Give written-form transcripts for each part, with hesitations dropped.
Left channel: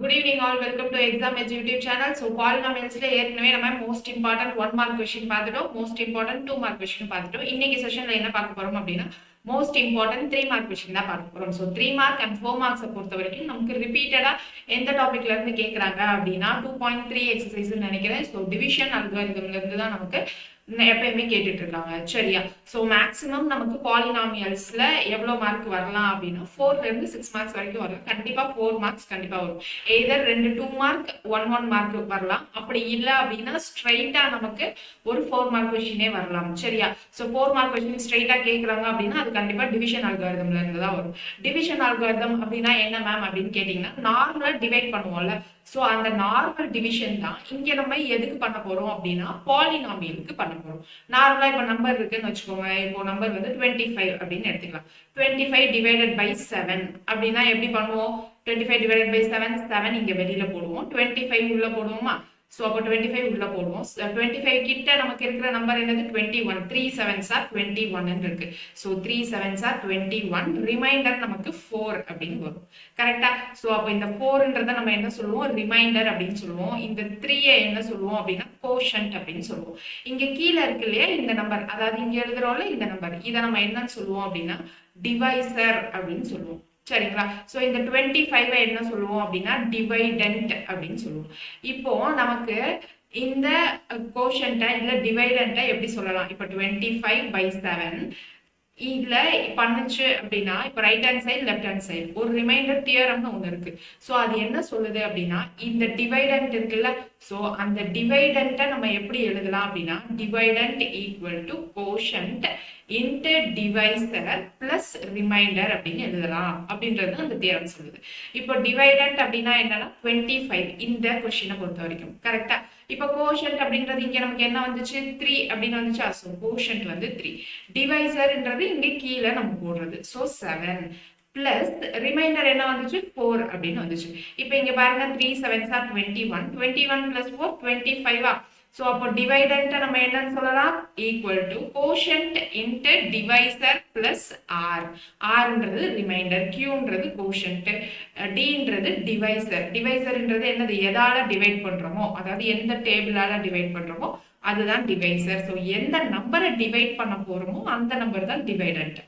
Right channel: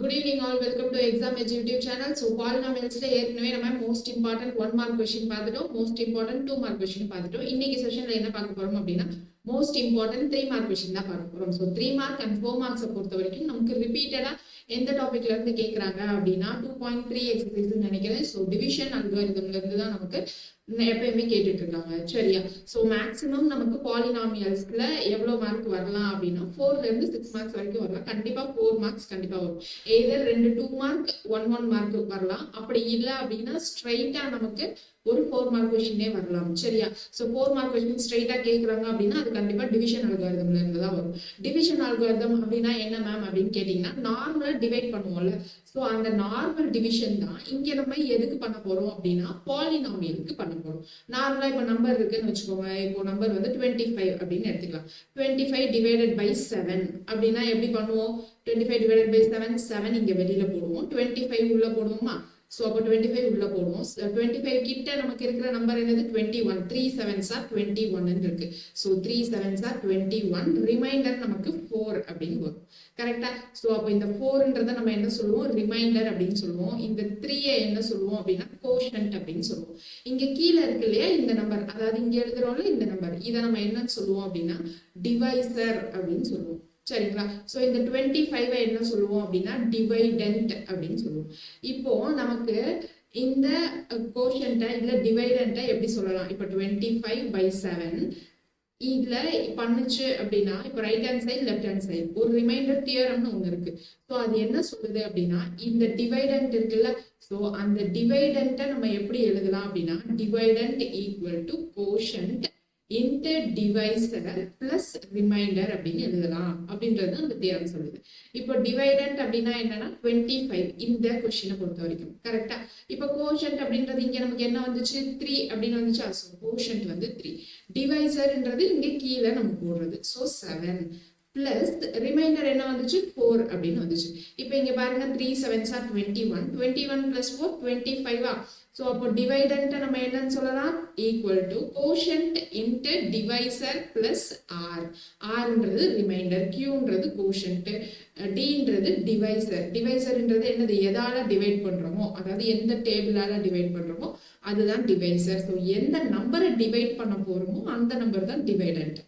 Good evening all. Welcome to Exam Edge YouTube channel. So polynomials ல ஏற்கனவே நம்ம most important 1 mark question பார்த்துட்டோம். most important 2 mark question பார்த்துட்டோம். இன்னைக்கு செஷன்ல என்ன பார்க்க போறோம் அப்படின்னா most important 3 mark question தான் பார்க்க போறோம். So 3 mark and 4 marks பொறுத்த வரைக்கும் நமக்கு ரிப்பீட்டடா எந்த டாபிக்ல இருந்து கேக்குறாங்க அப்படின்னா 2.3 எக்ஸசைஸ் நினைக்கிறேன். So division algorithmல இருந்து தான் நமக்கு எப்பயுமே கேட்டுட்டு இருக்காங்க. சரியா? சோ மேக்ஸிமம் நமக்கு பாலினாமியல்ஸ்ல எவ்வளவு மார்க் வரலாம் அப்படின்னா 4ல இருந்து 6 மார்க்ஸ் வரைக்கும் வரலாம். கண்டிப்பா 4 மார்க்ஸ் கண்டிப்பா வரும். எய்தர் 2 மார்க் 1 மார்க் வரலாம். அப்படி இல்ல அப்படின்னா ஸ்ட்ரைட்டா நமக்கு ஒரு 4 மார்க் கொஸ்டினே வரலாம். சரியா? சோ 4 மார்க் கொஸ்டின் ஸ்ட்ரைட்டா கேக்குறாங்க அப்படின்னா அது கண்டிப்பா டிவிஷன் அல்காரிதம்ல இருந்து தான் வரும். டிவிஷன் அல்காரிதம் அப்படின்னா என்ன மேம் அப்படின்னு கேட்டீங்கன்னா நார்மலா டிவைட் பண்ணுவோம்ல. சோ அந்த நார்மல் டிவிஷன் தான் இங்க நம்ம எதுக்கு பண்ண போறோம் அப்படின்னா பாலினாமியலுக்கு பண்ண போறோம். நார்மலா இப்ப நம்பர் இருக்குன்னு வச்சுக்கோங்க. இப்போ நம்பர் வந்து 25 அப்படின்னு எடுத்துக்கலாம். 25 டிவைடட் பை 7 அப்படின்னா எப்படி பண்ணுவோம்? 25 டிவைடட் பை 7 7 இங்க வெளியில போடுவோம். 25 உள்ள போடுவோமா? சோ அப்போ 25 உள்ள போடுவோம். 25 கிட்ட நமக்கு இருக்கிற நம்பர் என்னது? 21. 3 7s are 21 இருக்கு. So 3 7s are 21. ரிமைண்டர் நமக்கு 4 அப்படின்னு வரும். கரெக்டா? சோ அப்போ இந்த 4ன்றத நம்ம என்ன சொல்லுவோம்? ரிமைண்டர் அப்படின்னு சொல்லுவோம். இந்த 3 என்ன சொல்லுவோம் அப்படின்னா கோஷன்ட் அப்படின்னு சொல்லுவோம். இங்க கீழ இருக்கு இல்லையா இந்த நம்பர், அதாவது இங்க எழுதுறோம்ல இந்த நம்பர், இதை நம்ம என்னன்னு சொல்லுவோம் அப்படின்னா டிவைசர் அப்படின்னு சொல்லுவோம். சரிங்களா? சோ இந்த 25 என்ன சொல்லுவோம் அப்படின்னா டிவைடன்ட் அப்படின்னு சொல்லுவோம். இப்போ நமக்கு இந்த கோஷன்ட்ட இல்ல டிவைடன்ட்ட எப்படி சொல்லலாம்? இப்போ 25 by 7 இதுல பண்ணுச்சு அப்படின்னா இப்ப right hand side left hand side ஒரு ரிமைண்டர் தியரம்னு ஒண்ணு இருக்கு. சோ அது என்ன சொல்லுது அப்படின்னா இந்த டிவைடன்ட் இருக்குல்ல, சோ அந்த டிவைடன்ட்ட நம்ம எப்படி எழுதலாம் அப்படின்னா dividend equal to quotient into divisor plus reminder அப்படின்னு எழுதலாம் அப்படின்றது அந்த தியரம் சொல்லுது. இப்போ டிவைடன்ட் அப்படின்னா என்னன்னா 25 இந்த கொஸ்டினை பொறுத்த வரைக்கும். கரெக்டா? இப்போ கோஷன்ட் அப்படின்றது இங்க நமக்கு என்ன வந்துச்சு? 3 அப்படின்னு வந்துச்சு. சோ கோஷன்ட் வந்து 3. டிவைசர்ன்றது இங்க கீழே நம்ம போடுறது. சோ 7 பிளஸ் ரிமைண்டர் என்ன வந்துச்சு? 4 அப்படின்னு வந்துச்சு. இப்போ இங்க பாருங்க 3 7s are 21. 21 plus 4 25. சோ அப்போ டிவைடன்ட் நம்ம என்னன்னு சொல்லலாம்? Equal to quotient into divisor plus R. ஆர்ன்றது ரிமைண்டர், கியூன்றது கோஷன்ட், டின்றது டிவைசர். டிவைசர்ன்றது என்னது? எதால டிவைட் பண்றோமோ, அதாவது எந்த டேபிளால டிவைட் பண்றோமோ அதுதான் டிவைசர். சோ எந்த நம்பரை டிவைட் பண்ண போறோமோ அந்த நம்பர் தான் டிவைடன்ட்.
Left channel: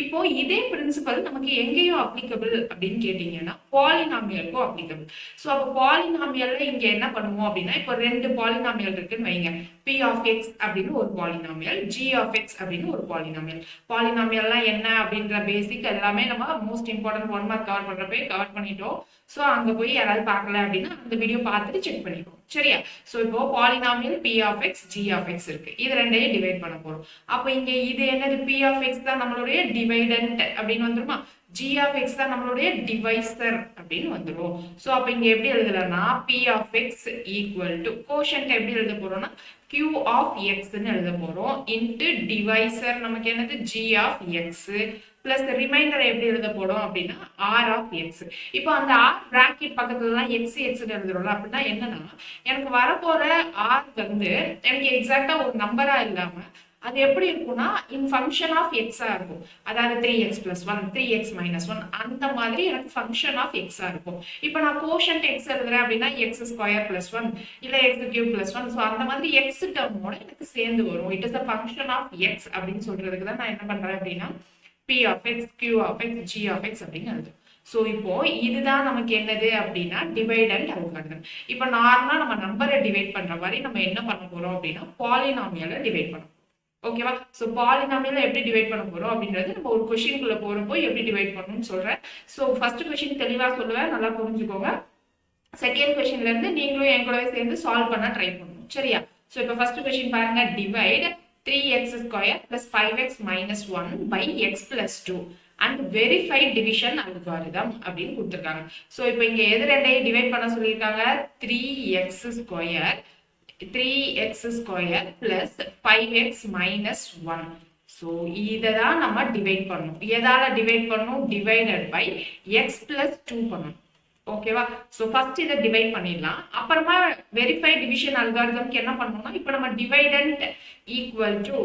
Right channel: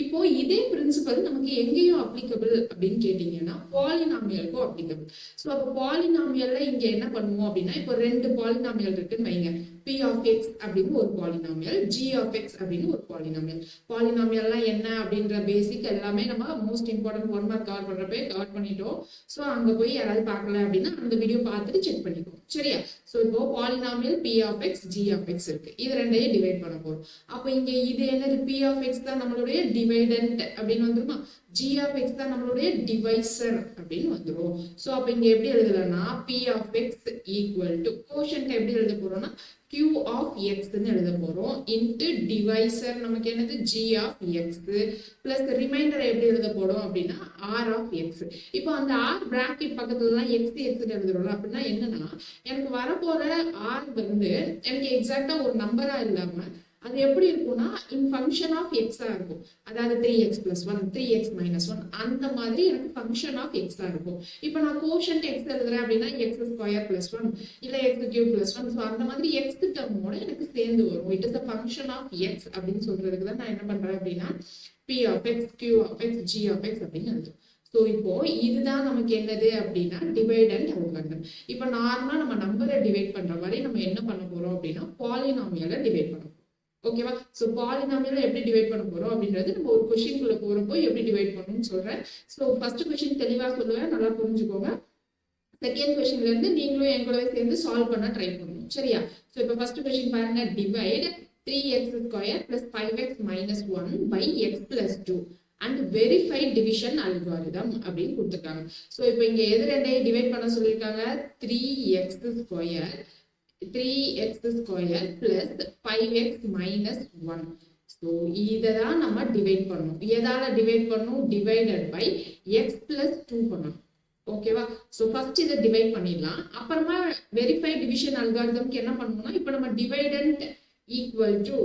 இப்போ இதே பிரின்சிபல் நமக்கு எங்கேயும் அப்ளிகபிள் அப்படின்னு கேட்டீங்கன்னா பாலினாமியலுக்கும் அப்ளிகபிள். சோ அப்போ பாலினாமியல்ல இங்க என்ன பண்ணுவோம் அப்படின்னா இப்போ 2 பாலினாமியல் இருக்குன்னு வைங்க. p of x அப்படின்னு ஒரு பாலினாமியல், g of x அப்படின்னு ஒரு பாலினாமியல். பாலினாமியல்னா என்ன அப்படின்ற பேசிக் எல்லாமே நம்ம மோஸ்ட் இம்பார்ட்டன்ட் 1 மார்க் கவர் பண்றப்பே கவர் பண்ணிட்டோம். சோ அங்க போய் யாராவது பார்க்கல அப்படின்னா அந்த வீடியோ பார்த்துட்டு செக் பண்ணிக்கோங்க. சரியா? சோ இப்போ polynomial p of x g of x இருக்கு. இது ரெண்டையும் டிவைட் பண்ண போறோம். அப்ப இங்க இது என்னது? p of x தான் நம்மளுடைய டிவைடன்ட் அப்படின்னு வந்துருமா? g of x தான் நம்மளுடைய டிவைசர் அப்படின்னு வந்துரும். சோ அப்ப இங்க எப்படி எழுதலாம்னா p of x equal to quotient எப்படி எழுத போறோம்னா q of x ன்னு எழுத போறோம் இன்டு டிவைசர் நமக்கு என்னது? g of x plus reminder எப்படி எழுத போறோம் அப்படின்னா r of x. இப்போ அந்த r பிராக்கெட் பக்கத்துல எல்லாம் x x ன்னு எழுதுறோம்ல, அப்படின்னா என்னன்னா எனக்கு வரப்போற r வந்து எனக்கு எக்ஸாக்டா ஒரு நம்பரா இல்லாம அது எப்படி இருக்கும்னா இன் ஃபங்க்ஷன் ஆஃப் எக்ஸா இருக்கும். அதாவது 3x plus 1 3x minus 1 அந்த மாதிரி எனக்கு ஃபங்க்ஷன் ஆஃப் எக்ஸா இருக்கும். இப்போ நான் கோஷன்ட் எக்ஸ் எழுதுறேன் அப்படின்னா எக்ஸ் ஸ்கொயர் பிளஸ் 1 இல்ல எக்ஸ் கியூப் பிளஸ் 1. ஸோ அந்த மாதிரி எக்ஸ் டேர்மோட எனக்கு சேர்ந்து வரும். It is a function of x அப்படின்னு சொல்றதுக்கு தான் நான் என்ன பண்றேன் அப்படின்னா p of x, q of x, g of x அப்படின்னு எழுதுறோம். சோ இப்போ இதுதான் நமக்கு என்னது அப்படின்னா டிவைடன்ட் அல்காரிதம். இப்போ நார்மலா நம்ம நம்பரை டிவைட் பண்ற மாதிரி நம்ம என்ன பண்ண போறோம் அப்படின்னா பாலினாமியலை டிவைட் பண்ண போறோம். ஓகேவா? சோ பாலினாமியலை எப்படி டிவைட் பண்ண போறோம் அப்படின்றது நம்ம ஒரு கொஸ்டின்குள்ள போறப்போ எப்படி டிவைட் பண்ணணும்னு சொல்றேன். சோ ஃபர்ஸ்ட் கொஸ்டின் தெளிவா சொல்லுவேன், நல்லா புரிஞ்சுக்கோங்க. செகண்ட் கொஸ்டின்ல இருந்து நீங்களும் என் கூடவே சேர்ந்து சால்வ் பண்ண ட்ரை பண்ணணும். சரியா? சோ இப்போ ஃபர்ஸ்ட் கொஸ்டின் பாருங்க. Divide 3x square plus 5x minus 1 by x plus 2 and verify division algorithm அப்படின்னு கொடுத்திருக்காங்க. சோ இப்போ இங்க எது ரெண்டையும் டிவைட் பண்ண சொல்லியிருக்காங்க? 3x square 3x square plus 5x minus 1. So இதை தான் நம்ம டிவைட் பண்ணணும். எதால டிவைட் பண்ணணும்? டிவைடட் பை x plus 2 பண்ணணும். ஓகேவா? சோ ஃபர்ஸ்ட் இதை டிவைட் பண்ணிடலாம். அப்புறமா வெரிஃபை டிவிஷன் அல்காரிதம்க்கு என்ன பண்ணணும்னா இப்போ நம்ம dividend equal to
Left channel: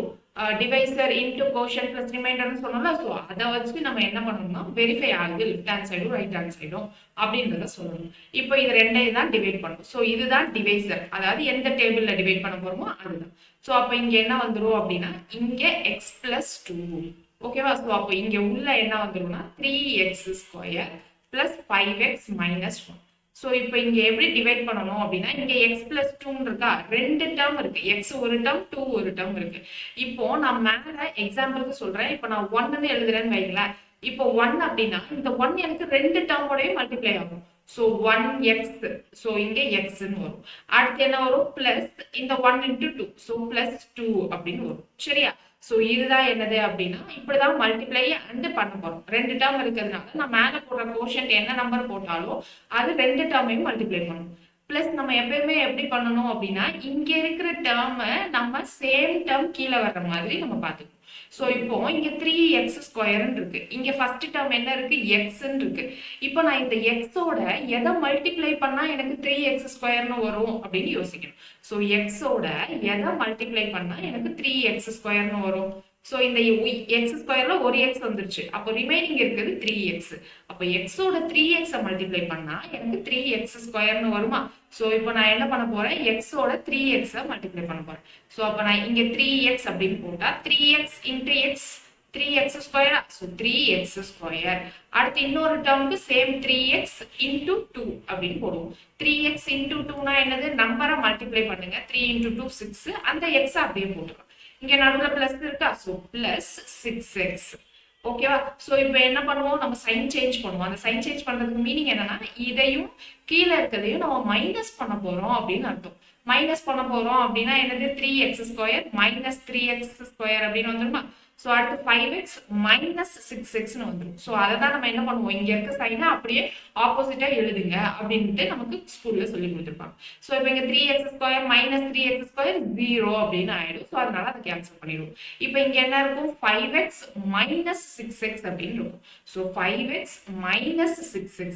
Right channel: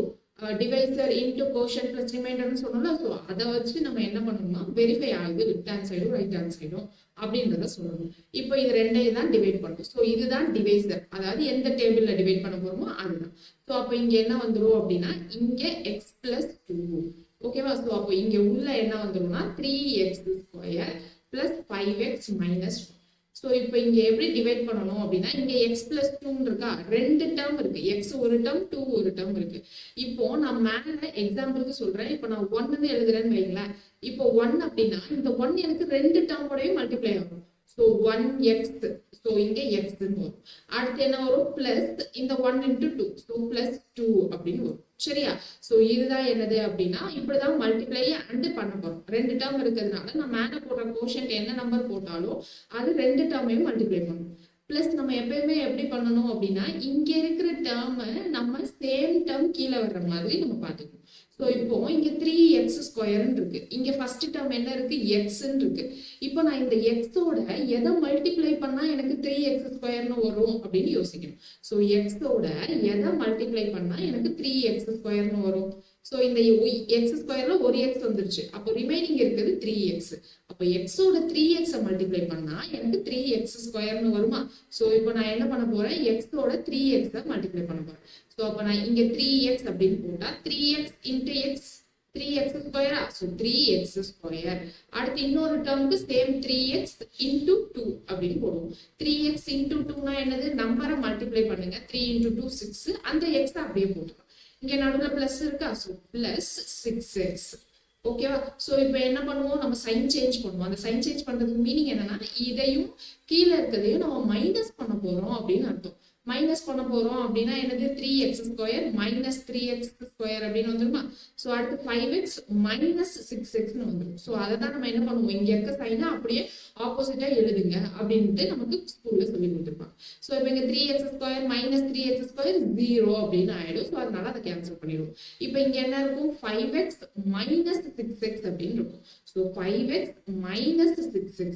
divisor into quotient plus ரிமைண்டர்னு சொன்னோம்ல. ஸோ அதை வச்சு நம்ம என்ன பண்ணணும்னா வெரிஃபை ஆகுது லெஃப்ட் ஹேண்ட் சைடும் ரைட் ஹேண்ட் சைடும் அப்படின்றத சொல்லணும். இப்போ இது ரெண்டையும் தான் டிவைட் பண்ணணும். ஸோ இதுதான் டிவைசர், அதாவது எந்த டேபிள்ல டிவைட் பண்ண போறோமோ அதுதான். ஸோ அப்போ இங்க என்ன வந்துடும் அப்படின்னா இங்க எக்ஸ் பிளஸ் டூ. ஓகேவா? ஸோ அப்போ இங்க உள்ள என்ன வந்துரும்னா 3x² plus 5x minus 1. So இப்போ இங்க எப்படி டிவைட் பண்ணணும் அப்படின்னா இங்க எக்ஸ் பிளஸ் டூன்னு இருக்கா, ரெண்டு டேர்ம் இருக்கு, எக்ஸ் ஒரு டேர்ம் டூ ஒரு டேர்ம் இருக்கு. இப்போ நான் மேல எக்ஸாம்பிளுக்கு சொல்றேன், இப்போ நான் 1ன்னு எழுதுறேன்னு வைங்களேன். இப்போ 1 அப்படின்னா இந்த 1 எனக்கு ரெண்டு டேர்மோடய மல்டிப்ளை ஆகும். ஸோ 1x, ஸோ இங்க எக்ஸ்ன்னு வரும். அடுத்து என்ன வரும், பிளஸ் இந்த 1 இன்டூ 2, ஸோ பிளஸ் 2 அப்படின்னு வரும். சரியா? ஸோ இதுதான் என்னது அப்படின்னா இப்படிதான் மல்டிப்ளை அண்ட் பண்ண போறோம். ரெண்டு டேர்ம் இருக்கிறதுனால நான் மேல போடுற கோஷன்ட் என்ன நம்பர் போட்டாலும் அது ரெண்டு டேர்மையும் மல்டிப்ளை பண்ணணும். பிளஸ் நம்ம எப்பயுமே எப்படி பண்ணணும் அப்படின்னா இங்க இருக்கிற டேர்மை நம்ம சேம் டேர்ம் கீழே வர்ற மாதிரி நம்ம பார்த்துக்கணும். ஸோ இப்போ இங்க 3x² இருக்கு, இங்க ஃபர்ஸ்ட் டேர்ம் என்ன இருக்கு, எக்ஸ்ன்னு இருக்கு. இப்போ நான் இந்த எக்ஸோட எதை மல்டிப்ளை பண்ணா எனக்கு 3x² வரும் அப்படின்னு யோசிக்கணும். ஸோ எக்ஸோட எதை மல்டிப்ளை பண்ணா எனக்கு 3x² வரும். ஸோ இந்த x² ஒரு எக்ஸ் வந்துருச்சு, அப்போ ரிமைனிங் இருக்குது 3x. அப்போ எக்ஸோட 3x மல்டிப்ளை பண்ணா எனக்கு 3x² வருமா? ஸோ இப்போ நான் என்ன பண்ண போறேன், எக்ஸோட 3x மல்டிப்ளை பண்ண போறேன். ஸோ அப்போ நான் இங்க 3x அப்படின்னு போட்டா 3x into X 3x², so 3x². அடுத்து இன்னொரு டேர்முக்கு சேம் 3x இன்டூ 2 அப்படின்னு போடுவோம். 3x இன்டூ 2னா என்னது, நம்பரை மல்டிப்ளை பண்ணுங்க. 3 இன்டூ 2 6, அந்த எக்ஸ் அப்படியே போட்டுக்கலாம். இங்க நடுவுல பிளஸ் இருக்கா, ஸோ பிளஸ் 6x. ஓகேவா? ஸோ இப்போ என்ன பண்ணுவோம், நம்ம சைன் சேஞ்ச் பண்ணுவோம். அந்த சைன் சேஞ்ச் பண்றதுக்கு மீனிங் என்னன்னா இதையும் கீழே இருக்கிறதையும் நம்ம மைனஸ் பண்ண போறோம் அப்படின்னு அர்த்தம். மைனஸ் பண்ண போறோம் அப்படின்னா என்னது, 3x² மைனஸ் 3x² அப்படின்னு வந்துருமா? ஸோ அடுத்து 5x மைனஸ் 6xன்னு வந்துடும். ஸோ அதை தான் நம்ம என்ன பண்ணுவோம், இங்க இருக்க சைனை அப்படியே ஆப்போசிட்டா எழுதுங்க அப்படின்ட்டு நமக்கு ஸ்கூல்ல சொல்லி கொடுத்துருப்பாங்க. ஸோ இப்போ இங்க 3x² மைனஸ் 3x² 0 அப்படின்னு ஆயிடும். ஸோ அதனால அதை கேன்சல் பண்ணிடுவோம். இப்போ இங்க என்ன இருக்கும், 5x மைனஸ் 6x அப்படின்னு இருக்கும். So 5x minus 6x.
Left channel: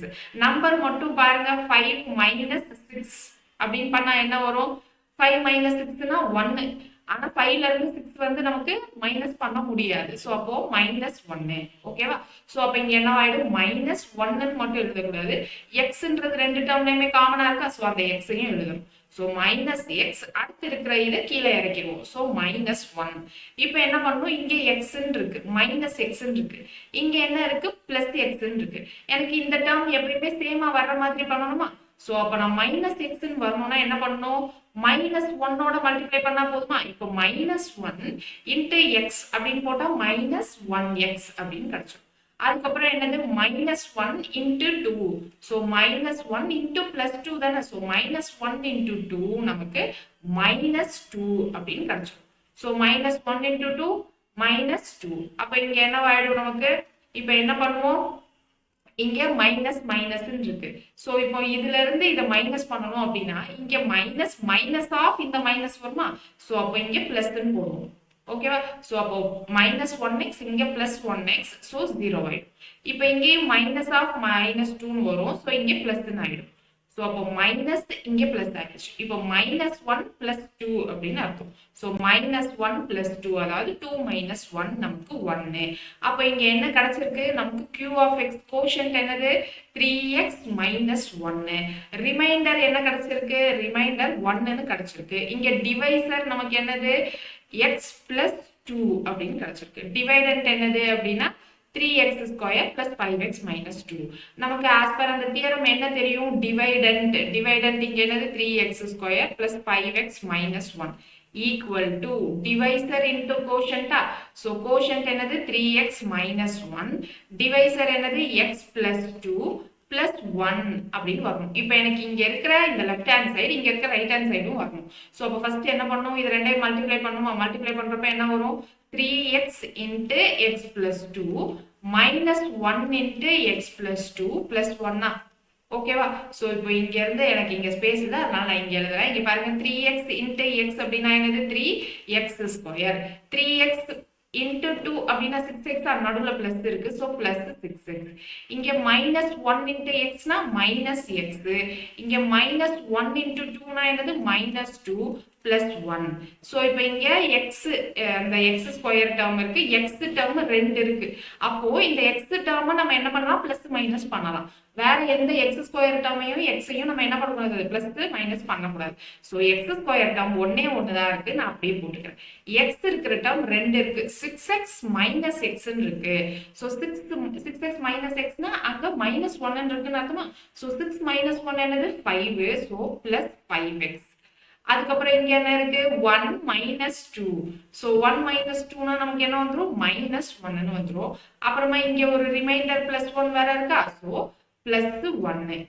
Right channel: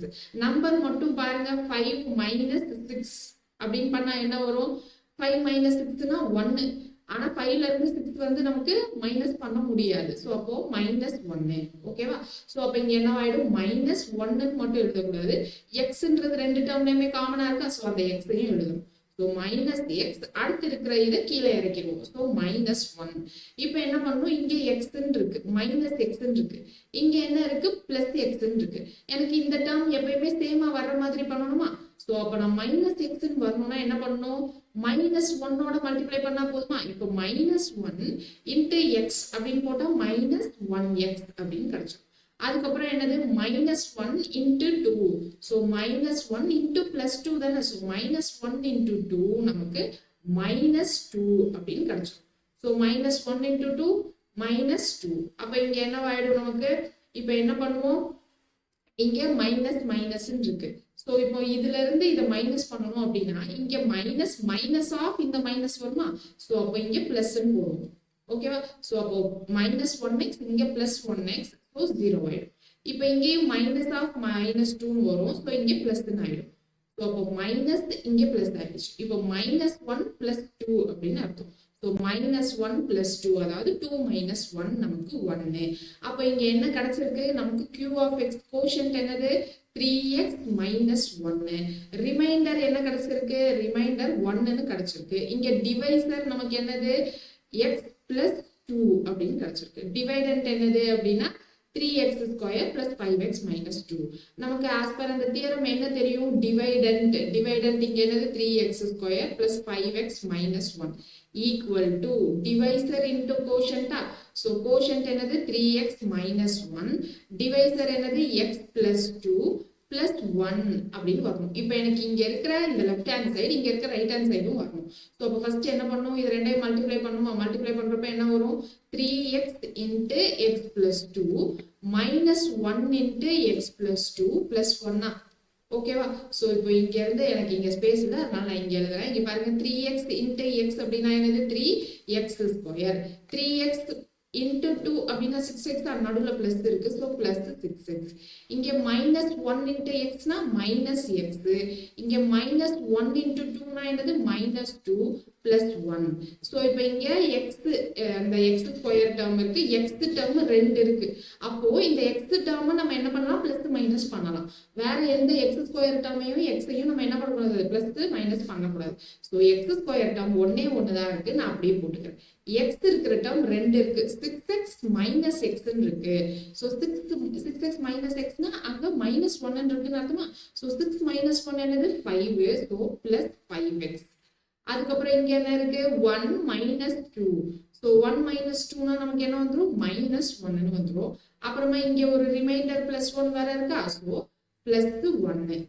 Number மட்டும் பாருங்க, 5 மைனஸ் 6 அப்படின்னு பண்ணா என்ன வரும், 5 மைனஸ் 6னா 1. ஆனா 5ல இருந்து 6 வந்து நமக்கு மைனஸ் பண்ண முடியாது. ஸோ அப்போ மைனஸ் 1. ஓகேவா? ஸோ அப்போ இங்க என்ன ஆயிடும், மைனஸ் 1ன்னு மட்டும் எழுதக்கூடாது, எக்ஸ்ன்றது ரெண்டு டேர்ம்லயுமே காமனா இருக்கா, ஸோ அந்த எக்ஸையும் எழுதணும். ஸோ மைனஸ் எக்ஸ், அடுத்து இருக்கிற இதை கீழே இறக்கிடுவோம். So minus 1. இப்போ என்ன பண்ணணும், இங்கே எக்ஸ்ன்னு இருக்கு, மைனஸ் எக்ஸ்ன்னு இருக்கு, இங்க என்ன இருக்கு, பிளஸ் எக்ஸ்ன்னு இருக்கு. எனக்கு இந்த டேர்ம் எப்பயுமே சேமா வர்ற மாதிரி பண்ணணுமா? ஸோ அப்போ நான் மைனஸ் எக்ஸ்ன்னு வரணும்னா என்ன பண்ணணும், மைனஸ் 1ஓட மல்டிப்ளை பண்ணா போதுமா? இப்போ மைனஸ் 1 இன்ட்டு எக்ஸ் அப்படின்னு போட்டா மைனஸ் 1x அப்படின்னு கிடைச்சிடும். அதுக்கப்புறம் என்னது, minus 1 into 2. So minus 1 into plus 2 தானே. ஸோ மைனஸ் 1 இன்ட்டு 2 நமக்கு மைனஸ் 2 அப்படின்னு கிடைச்சிடும். So minus 1 into 2 minus 2. அப்போ இங்க என்னவாயிடும் நமக்கு, இப்போ என்ன பண்ணுவோம், இங்க மைனஸ் மைனஸ் இருக்கு. சோ இப்போ இதுல இருந்து இதை மைனஸ் பண்ணணும் அப்படின்னா இங்க மைனஸ் மைனஸ் ஆஃப் இந்த மைனஸ் வருமா? சோ அப்போ இங்க பிளஸ் போடுவோம். ஓகேவா? சோ அப்போ மைனஸ் 1x இங்க பிளஸ் 1x, சோ 0 ஆயிடும். இப்போ இங்கேயும் மைனஸ் ஆஃப் மைனஸ் 2 வரும். சோ இங்க பிளஸ் ஆயிடும். சோ அப்போ மைனஸ் இங்க பிளஸ் ஆயிடுச்சு. இப்போ மைனஸ் 1 பிளஸ் 2 அப்படின்னு அர்த்தம். சோ மைனஸ் 1 பிளஸ் 2, அதாவது 2 மைனஸ் 1 நமக்கு 1. அப்போ இங்க என்ன கிடைச்சிருக்கு நமக்கு, q of x கோஷன்ட் என்னது, 3x மைனஸ் 1. ரிமைண்டர் என்ன கிடைச்சிருக்கு, ரிமைண்டர் 1ன்னு கிடைச்சிருக்கு. இங்க டிவைசர் நமக்கு என்னது, x பிளஸ் 2 அப்படின்னு கிடைச்சிருக்கு. டிவைடன்ட் என்னது அப்படின்னா 3x² plus 5x minus 2. நமக்கு as per அந்த தியரம் என்ன தெரியும், டிவைடன்ட் இங்க என்னது 3x² plus 5x minus 1 equal to divisor into quotient. so quotient என்னது 3x minus 1, டிவைசர் என்னது x plus 2 plus 1 அப்படின்னு வரணும். இப்போ எனக்கு இங்க இருக்கிற இந்த லெஃப்ட் ஹேண்ட் சைடு, இங்க இருக்கிற ரைட் ஹேண்ட் சைடும் வரணும். சோ அப்போ ஃபர்ஸ்ட் என்ன பண்ணணும், இது ரெண்டையும் மல்டிப்ளை பண்ணுமா? மல்டிப்ளை பண்றப்ப என்ன வரும், 3x into x plus 2 minus 1 into x plus 2 plus 1. ஓகேவா? சோ இப்போ இங்க இருந்து எனக்கு இங்க ஸ்பேஸ் இல்ல, அதனால நான் இங்க எழுதுறேன். இங்க பாருங்க 3x into x அப்படின்னா என்னது 3x². 3x into 2 அப்படின்னா 6x, நடுவுல பிளஸ் இருக்கு. So plus 6x. இங்க மைனஸ் 1 into xனா மைனஸ் x. இங்க மைனஸ் 1 into 2னா என்னது மைனஸ் 2 பிளஸ் 1. ஸோ இப்போ இங்க எக்ஸ் அந்த எக்ஸ் ஸ்கொயர் டேர்ம் இருக்கு, எக்ஸ் டேர்ம் 2 இருக்கு. அப்போ இந்த எக்ஸ் டேர்மை நம்ம என்ன பண்ணலாம், பிளஸ் மைனஸ் பண்ணலாம். வேற எந்த எக்ஸ் ஸ்கொயர் டேர்மையும் எக்ஸையும் நம்ம என்ன பண்ணக்கூடாது, பிளஸ் மைனஸ் பண்ணக்கூடாது. ஸோ எக்ஸ் ஸ்கொயர் டேர்ம் ஒன்னே ஒன்று தான் இருக்கு, நான் அப்படியே போட்டுக்கிறேன். எக்ஸ் இருக்கிற டேர்ம் 2 இருக்கு, 6x மைனஸ் எக்ஸ்ன்னு இருக்கு. ஸோ 6x மைனஸ் எக்ஸ்னா அங்க மைனஸ் 1 இருக்குன்னு அர்த்தமா. ஸோ 6 மைனஸ் 1 என்னது 5. So plus 5x. அதுக்கப்புறம் இங்க என்ன இருக்கு, 1 மைனஸ் 2. ஸோ 1 மைனஸ் 2னா நமக்கு என்ன வந்துடும், மைனஸ் 1ன்னு வந்துடும். அப்புறமா இங்க ஒரு ரிமைண்டர் பிளஸ் 1 வேற இருக்கா. So plus 1.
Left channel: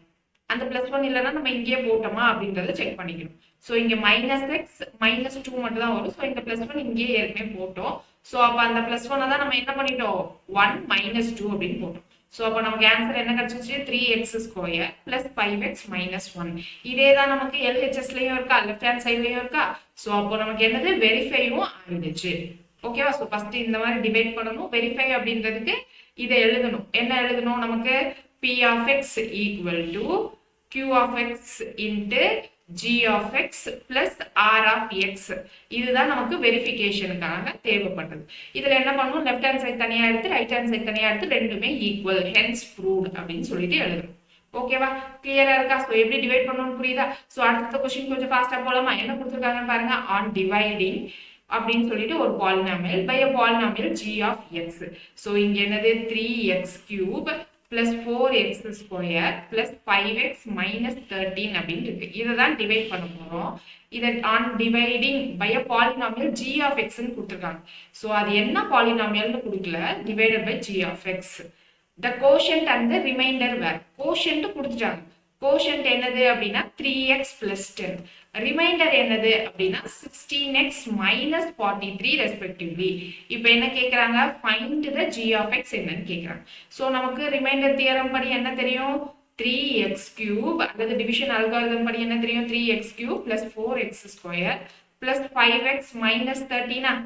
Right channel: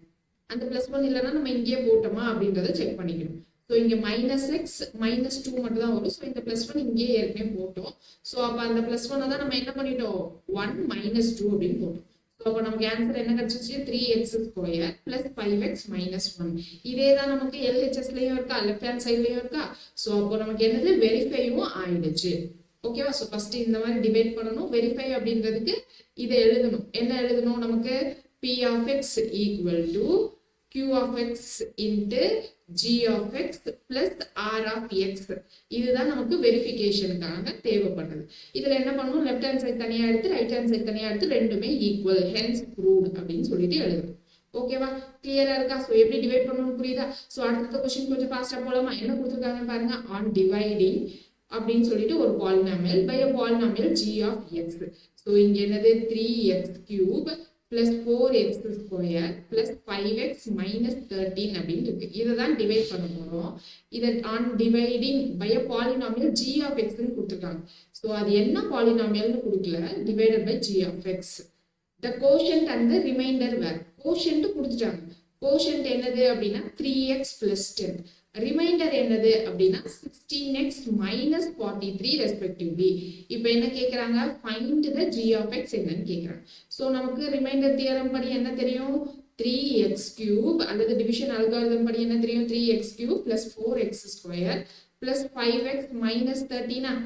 அந்த பிளஸ் 1 இல்லைன்னா நம்ம இங்கேயே போட்டோமா அப்படின்றத செக் பண்ணிக்கணும். ஸோ இங்க மைனஸ் எக்ஸ் மைனஸ் 2 மட்டும் தான் வரும். ஸோ இந்த பிளஸ் 1 இங்கேயே ஏற்கனவே போட்டோம். ஸோ அப்போ அந்த பிளஸ் 1 தான் நம்ம என்ன பண்ணிட்டோம், 1 மைனஸ் 2 அப்படின்னு போட்டோம். ஸோ அப்போ நமக்கு ஆன்சர் என்ன கிடைச்சிச்சு, 3x square plus 5x minus 1. இதே தான் நமக்கு எல்ஹெச்எஸ்லயும் இருக்கா, லெஃப்ட் ஹேண்ட் சைட்லயும் இருக்கா. ஸோ அப்போ நமக்கு என்னது, வெரிஃபையும் ஆயிடுச்சு. ஓகேவா. ஸோ ஃபர்ஸ்ட் இந்த மாதிரி டிவைட் பண்ணணும். வெரிஃபை அப்படின்றதுக்கு இதை எழுதணும். என்ன எழுதணும், நமக்கு p of x equal to q of x into g of x plus r of x. இதுதான் நமக்கு வெரிஃபிகேஷனுக்காக தேவைப்பட்டது. இதுல என்ன பண்ணும், லெஃப்ட் ஹேண்ட் சைடு தனியா எடுத்து ரைட் ஹேண்ட் சைடு தனியா எடுத்து ரெண்டுமே ஈக்குவல், ஹென்ஸ் ப்ரூவ்ட் அப்படின்னு சொல்லிட்டு எழுதணும். ஓகேவா, கிளியரா இருக்கா. ஸோ எப்படி டிவைட் பண்ணணும்னு புரியுதா. ஸோ அடுத்த கொஸ்டின் கொஞ்சம் ஃபாஸ்டா போலாமா. என்ன கொடுத்துருக்காங்கன்னு பாருங்க. ஆன் டிவைடிங் அப்படின்னு சொல்லிட்டு ஒரு polynomial by a polynomial g of x. So இங்க என்னது 3x cube plus 4x square plus 5x minus 13 அப்படின்னு இருக்கு. இதை தான் டிவைட் பண்ண போறோம். இதை on dividing by a polynomial g of x ன்னு கொடுத்துருக்காங்க. ஸோ அது என்ன பாலினாமியல்னு கொடுக்கல, divided by g of x. the quotient and the remainder were, quotient கொடுத்துட்டாங்க. quotient என்னது அப்படின்னா 3x plus 10. ரிமைண்டர் என்னது அப்படின்னா 16x minus 43 ரெஸ்பெக்டிவ்லி. இப்போ என்ன கேட்குறாங்க, find the g of x என்னன்னு கேட்குறாங்க. ஸோ நமக்கு ரிமைண்டர் தியரம் படி என்ன தெரியும், 3x cube அல்லது டிவிஷன் அல்காரிதம் படி என்ன தெரியும், 3x cube plus 4x square plus 5x minus 13